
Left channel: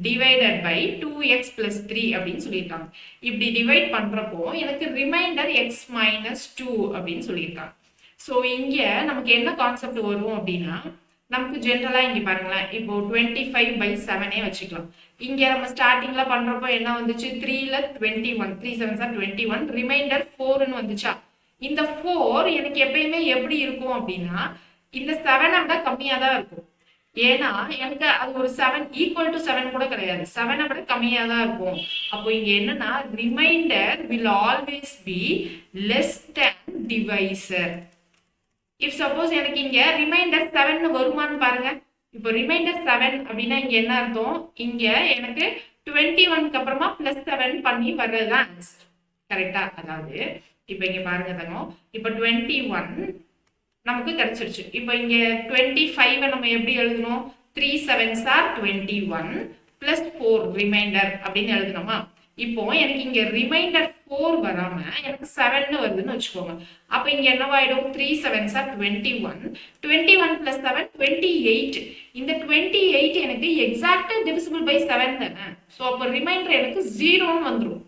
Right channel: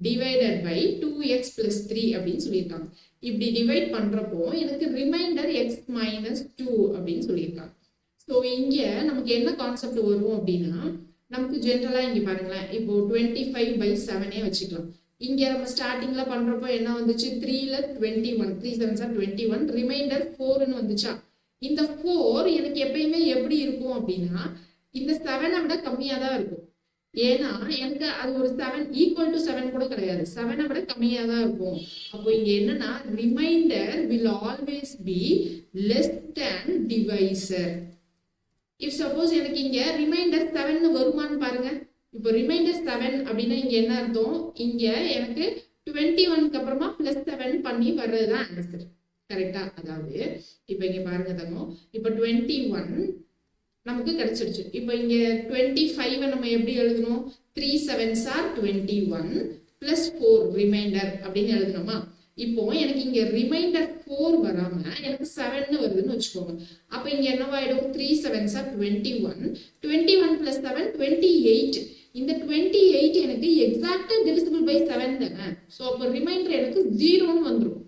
divided by 2x plus 3 அப்படின்னு சொல்லியிருக்காங்க. இப்படி டிவைட் பண்றப்போ எனக்கு ரிமைண்டர் x minus 2 அப்படின்னு சொல்லியிருக்காங்க. so இங்க நமக்கு என்ன கான்செப்ட் வரும் அப்படின்னா, நமக்கு ஜெனரலா இங்க பாருங்களேன், இப்போ 25/7 வச்சுக்கலாம். இங்க நம்ம ஸ்டார்டிங்ல பண்றப்போ என்ன வந்துச்சு, 3ல 21, 3 7s are 21, ரிமைண்டர் 4 ன்னு வந்துச்சா. இந்த 4 எனக்கு எப்பயுமே எப்படி இருக்கும் அப்படின்னா, இந்த 7 விட கம்மியா தான் இருக்கும். ஏன்னா எனக்கு அது ஒரு 7 ஈக்குவல் டு 7 கூட கிடையாது, 7 விட கம்மியா தான் இருக்கும். அப்போ இங்க என்னன்னா, reminder will always be less than divisor. if suppose எனக்கு இங்க ரிமைண்டர் 7 வருமான்னு பாருங்க. இப்போ ரிமைண்டர் 7 அப்படின்னா இங்க என்ன அர்த்தம், இங்க எனக்கு 21க்கு அப்புறமா +7 பண்ணி வர்றதுதான் ஆன்சர். கரெக்டா. அதாவது இப்போ இங்க பாருங்க தங்கம், இப்போ 21 நமக்கு கிடைச்சிருச்சு. இப்போ இங்க 25 நம்ம எப்படி எழுதணும், 3 7s are 21 + 4 ரிமைண்டர் அப்படின்னு எழுதணுமா. இப்போ எனக்கு இங்க ரிமைண்டர் 4 வராம எனக்கு 7 வருதுன்னு வச்சுக்கோங்க. அப்ப இங்க என்னவாயிடும், 3 7s are 21, 21 + 7 28. இந்த 28 எனக்கு எக்ஸாக்ட்டா டிவிசிபிள் பை 7 தானே. சோ அப்ப ரிமைண்டர் எனக்கு 0ன்னு வந்துரும்.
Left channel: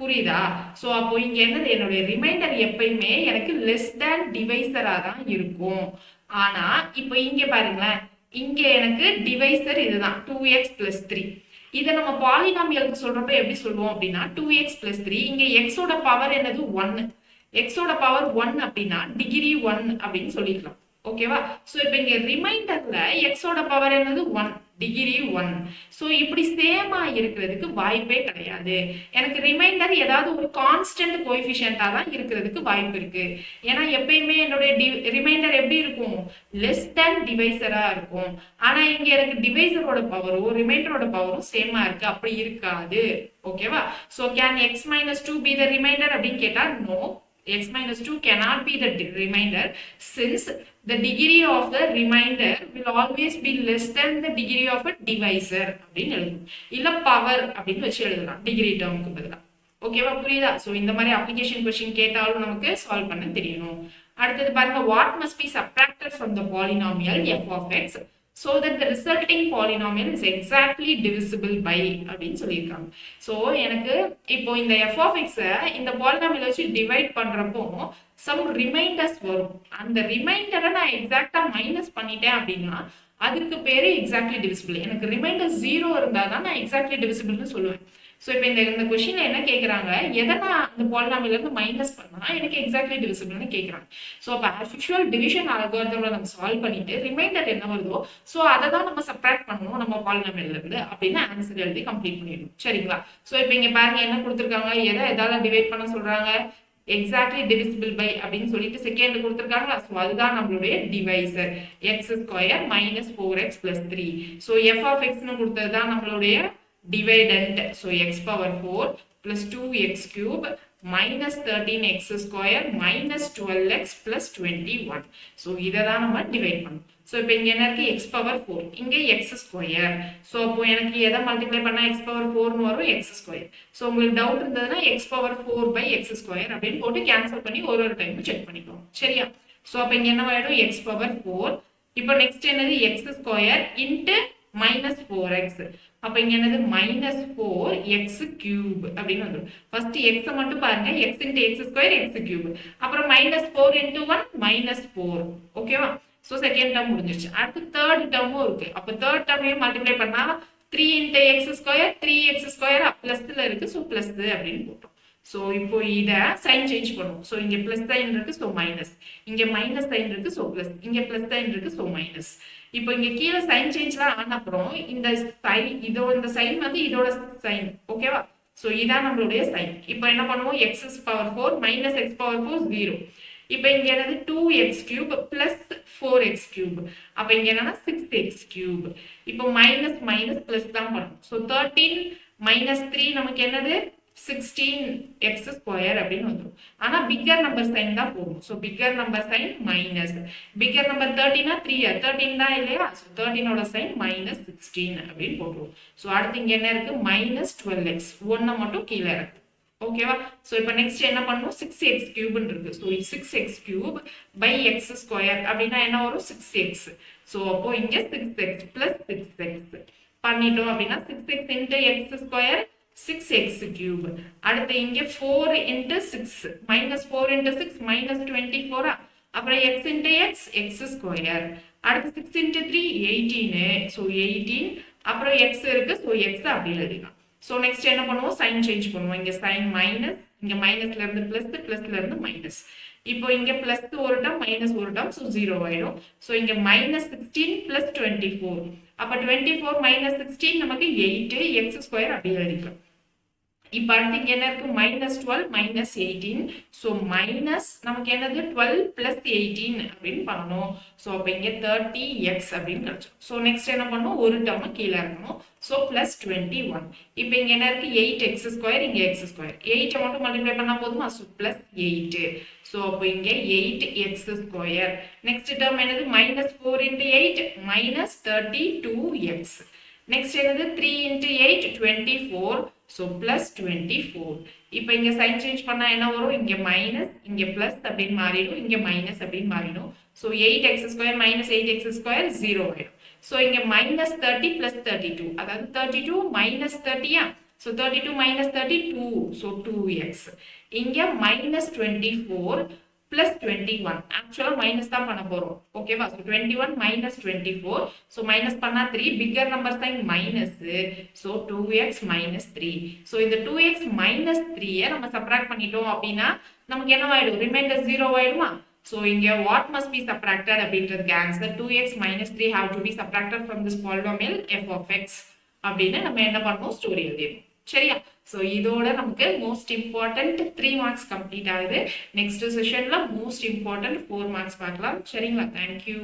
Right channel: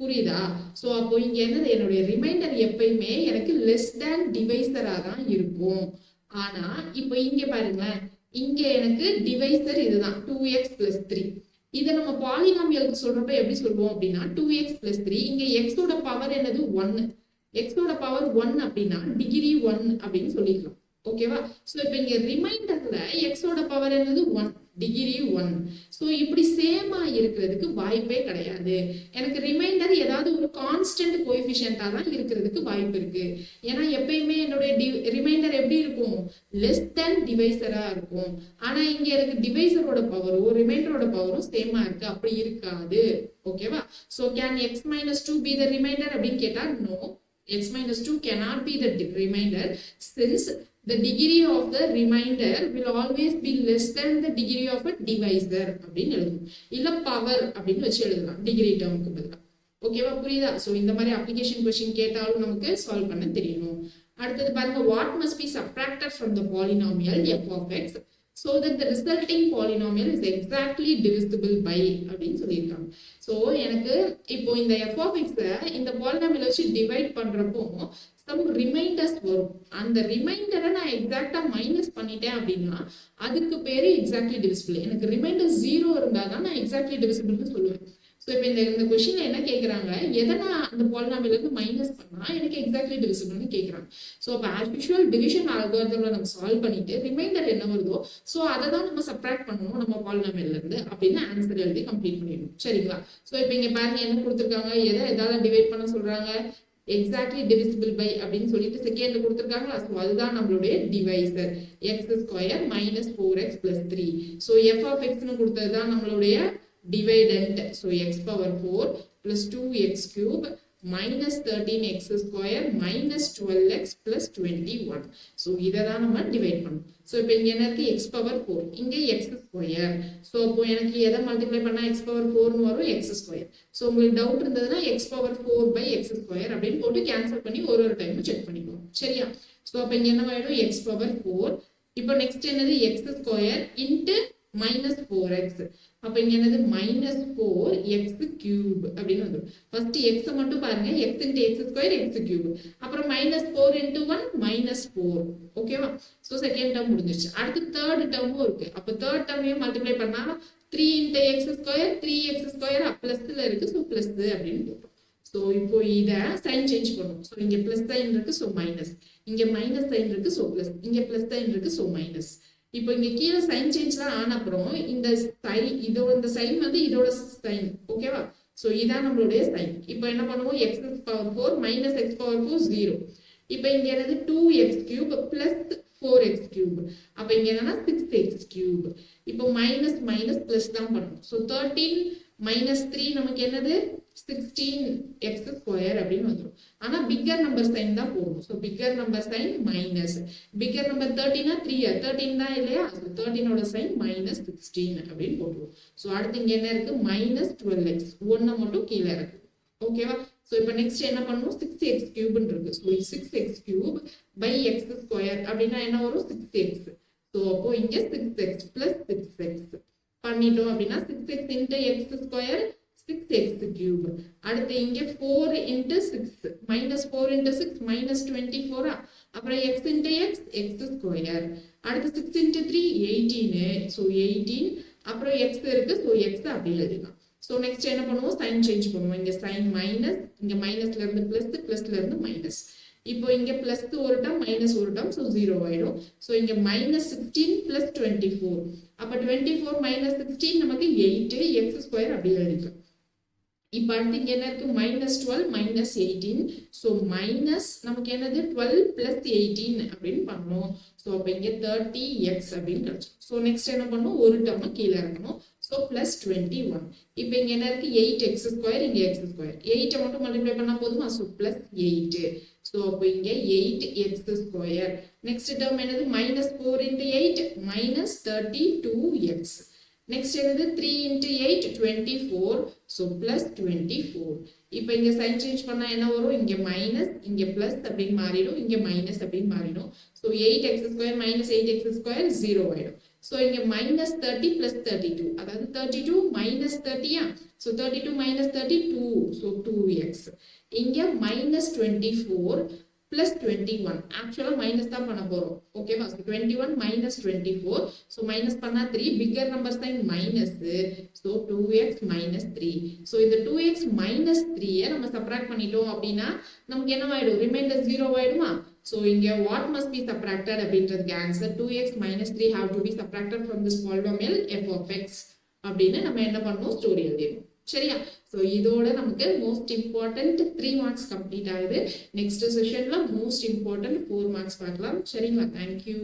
புரியுதா. சோ அப்போ இங்க என்னது, என்னுடைய ரிமைண்டர் எப்பயுமே எனக்கு லெஸ் தேன் டிவைசரா தான் இருக்கும். ஆனா இப்போ இங்க பாருங்களேன், இங்க எனக்கு டிவைசர் இதுதான் 2x + 3. இதை நம்ம பாலினாமியலுக்கு சொல்றப்ப எப்படி சொல்லுவோம் அப்படின்னா, 2x + 3. இங்க x ஓட பவர் என்னது 1. x ஓட பவர் 1 அப்படின்னா டிகிரி 1 அப்படின்னு சொல்லிக்கலாம். ஓகேவா. சோ இப்போ இங்க ரிமைண்டர்ல x ஓட பவர் என்னது 1, டிகிரி 1. சோ இப்படி சேமா இருக்கிறதுக்கு வாய்ப்பே கிடையாது. எனக்கு ரிமைண்டர் ஏதாவது ஒரு கான்ஸ்டன்ட் கோஎஃபிஷியன்ட்டா தான் இருக்கிறதுக்கு வாய்ப்பு இருக்கு. ஏன்னா எப்பயுமே என்னுடைய ரிமைண்டர் எப்படி இருக்கும், லெஸ் தேன் டிவைசரா இருக்கும். ஆனா இங்க எனக்கு டிவைசரோட பவரும் ரிமைண்டரோட பவரும் சேமா இருக்கு, அப்படி இருக்காது. ஓகேவா. So can x - 2 be the remainder அப்படின்னு கேட்டா no. x minus 2 cannot be the remainder since the degree of the remainder will always be less than the degree of a divisor அப்படின்னு எழுதணும். இல்ல பவர் அப்படின்னு வச்சு எழுதலாம் டிகிரி டேர்முக்கு பதிலா. ஓகேவா, புரியுதா? ஸோ இந்த மாதிரி அப்ளிகேஷன் கொஸ்டின் கேட்டாலும் நமக்கு சால்வ் பண்ண தெரியணும். அடுத்தது பாருங்க, what must be subtracted from the polynomial f of x so that the resulting polynomial is exactly divisible by அப்படின்னு சொல்லியிருக்காங்க. ஸோ எனக்கு இப்போ இந்த f of x இந்த பாலினாமியல் வச்சு டிவைட் பண்றப்போ சம் ரிமைண்டர்ஸ் வரும். அந்த ரிமைண்டரை நான் எக்ஸாக்டா மைனஸ் பண்ணிட்டேன் அப்படின்னா அதுக்கு பேரு எக்ஸாக்ட்லி டிவிசிபிள். எனக்கு ரிமைண்டர் 0 இருந்தா தான் நான் எக்ஸாக்ட்லி டிவிசிபிள்னு சொல்லுவேன். ஸோ இப்போ இந்த கொஸ்டின்ல என்ன கேட்குறாங்க, எதை நான் அந்த பாலினாமியல்ல இருந்து மைனஸ் பண்ணா எனக்கு எக்ஸாக்ட்லி டிவிசிபிள்னு கேட்குறாங்க. ஸோ அப்போ ஆஸ் யூஷுவல் டிவிஷன் அல்காரிதம்ல நம்ம சால்வ் பண்ணிட்டு ரிமைண்டர் என்ன வருதோ ஸோ அதை தான் நம்ம சப்ராக்ட் பண்ணணும் நம்ம பாலினாமியல்ல இருந்து அப்படின்னு ஆன்சர் எழுதி கம்ப்ளீட் பண்ணிடணும். சரிங்களா? ஸோ இப்போ இங்க பாருங்க என்ன கொடுத்துருக்காங்க, எதால டிவைட் பண்ண சொல்றாங்க, எக்ஸாக்ட்லி டிவிசிபிள் பை அப்படின்னு சொல்லிட்டு செகண்ட் கொடுத்துருக்காங்களா. ஸோ அதுதான் நம்மளுடைய divisor x square minus 4x + 3. So f of எக்ஸ்னு கொடுத்தது தான் நம்மளுடைய dividend. So x power 4 plus 2x cube minus 13x square minus 12x plus 21. So இதை தான் நம்ம டிவைட் பண்ணணும். ஸோ இப்போ இங்கே என்ன இருக்கு, x power 4, இங்கே x square. ஸோ அப்போ எனக்கு எதை மல்டிப்ளை பண்ணால் x power 4னு வரும், x square. ஸோ உங்களுக்கு டவுட் இருந்ததுன்னா x power 4 by x square அப்படின்னு போட்டு கேன்சல் பண்ணி ஒரு டைம் செக் பண்ணிக்கோங்க. சரியா? ஸோ அப்போ இங்கே என்ன ஆயிடும், x power 4. இப்போ நெக்ஸ்ட் என்னது, x square into minus 4x. அப்ப இங்க என்னது minus 4x cube அப்படின்னு வந்துரும். ஃபர்ஸ்ட் x மட்டும் பாருங்க, x into x square x cube. அப்புறம் minus 4 into 1 minus 4. ஓகேவா? சோ செகண்ட் டேர்ம் முடிஞ்சிருச்சு. அடுத்து தேர்ட் டேர்மும் இருக்கு. அப்ப தேர்ட் டேர்மையும் மல்டிப்ளை பண்ணா 3 into x square 3x square பிளஸ்ல இருக்கு. சோ பிளஸ் அப்படின்னு போட்டோம். சோ இப்போ இத சைன் சேஞ்ச் பண்ணுவோம். சோ இங்க பிளஸ் சைன் இருக்கு, சோ மைனஸ். இங்க மைனஸ் சைன் இருக்கு, சோ பிளஸ். இங்க பிளஸ் சைன் இருக்கு, சோ மைனஸ். இப்போ இங்க கீழே சைன் சேஞ்ச்லாம் ஆன அப்புறம் இந்த சைன் வந்து இதோட சைன். ஓகேவா? சோ இதான் நம்மளுடைய சைன். இப்போ என்ன பண்ணுவோம், X power 4 minus X power 4 0. இப்போ இங்க என்னது 2x cube plus 4x cube. அப்ப இங்க என்னன்னா 6x கியூப். இப்போ மைனஸ் மைனஸ் பிளஸ் தான் பண்ணணும். ஸோ 13 மைனஸ் 3 நமக்கு என்னது 16x ஸ்கொயர் அப்படின்னு வந்துடும். ஆனா பிக்கர் நம்பர் சைன் தான் போடும். So bigger number sign minus. Bigger number 13 13 தான் இல்லையா? ஸோ 13ஓட சைன் மைனஸ் 16 அப்படின்னு போட்டுருவோம். ஸோ அடுத்து இங்க என்ன இருக்கு, மைனஸ் 12x. 1 மட்டும் கீழே இருக்கு. ஓகேவா? ஸோ இப்போ நெக்ஸ்ட் என்ன பண்ணுவோம், 6x கியூப்னு இருக்கு. So 6x cube by x square அப்படின்னா என்ன வரும், 6x. ஸோ அப்போ இங்க 6x பிளஸ் 6x பண்ணிட்டோம் அப்படின்னா 6x into X square 6x cube. அடுத்து இங்க 4 into 6 minus 4 into 6 minus 24. அப்புறம் x into x x square. அடுத்து 6 into 3 18. So 18. அப்புறம் x இருக்கு, so x அப்படி எழுதிக்கலாம். So next என்ன பண்ணுவோம், சைன் சேஞ்ச் பண்ணுவோம். இங்க சைன் மைனஸ், இங்க மைனஸ்ல இருந்து பிளஸ், பிளஸ்ல இருந்து மைனஸ். இப்போ இங்க பிளஸ் ஒரு டேர்ம் மைனஸ் ஒரு டேர்ம், ஸோ 0 ஆயிடும். ஸோ இங்க மைனஸ் 16 பிளஸ் 24. அப்ப 24 மைனஸ் 16 நமக்கு 8 எக்ஸ் ஸ்கொயர் அப்படி எழுதிக்கலாம். இப்போ அடுத்து இங்க என்ன இருக்கு, மைனஸ் 12 மைனஸ் 18. ஸோ மைனஸ் நமக்கு என்னது 12 பிளஸ் 18 அப்படின்னு பண்ணணும். ஸோ அப்போ இங்க 30x அப்படின்னு கிடைச்சோம். ஸோ நெக்ஸ்ட் என்ன பண்ணணும், ஒரு டேர்மை கீழே இருக்கணும். So plus 21. இப்போ இங்க என்ன இருக்கு, 8x ஸ்கொயர், இங்க x ஸ்கொயர். 8 மட்டும் மல்டிப்ளை பண்ணா போதுமா? So plus 8. ஸோ அப்போ இங்க 8x ஸ்கொயர். நெக்ஸ்ட் டேர்ம் என்னது, minus 4 into 8 minus 32x. Next என்னது 3 into 8 24. So plus 24. இப்போ இங்க சைன் சேஞ்ச் பண்ணா என்ன வரும், இங்க மைனஸ், இங்க பிளஸ் அப்படின்னு மாறிடும், இங்க மைனஸ் அப்படின்னு மாறிடும். So 8x square minus 8x square 0 ஆயிடும். ஸோ இங்க மைனஸ் 30 பிளஸ் 32, அதாவது 32 minus 30. So 32 minus 32, so 2x. இங்க மைனஸ் 24 பிளஸ் 21. ஆக்சுவலா மைனஸ் தான் பண்ண போறோம். ஓகேவா? So 21 minus 24. ஸோ மைனஸ் பண்ணா 3, bigger number sign minus. So 2x minus 3. So இந்த 2x மைனஸ் 3 நம்ம சப்ராக்ட் பண்ணிட்டோம் அப்படின்னா நமக்கு என்ன ஆயிடும், ரிமைண்டர் 0 ஆயிடுமா? ஸோ இங்க வாட் மஸ்ட் பி சப்ராக்டட் அப்படின்றதுக்கு answer 2x minus 3 have to be subtracted from this polynomial f of x அப்படின்னு நம்ம என்ன பண்ணணும், ஸ்டோரி எழுதிடணும். சரியா? ஸோ இதோட நமக்கு மோஸ்ட் இம்பார்ட்டன்ட் 3 மார்க்ஸ் கம்ப்ளீட் ஆகுது. நெக்ஸ்ட் செஷன்ல மோஸ்ட் இம்பார்ட்டன்ட் 4 மார்க்ஸ் பார்க்கலாம். சரிங்களா? தேங்க்யூ.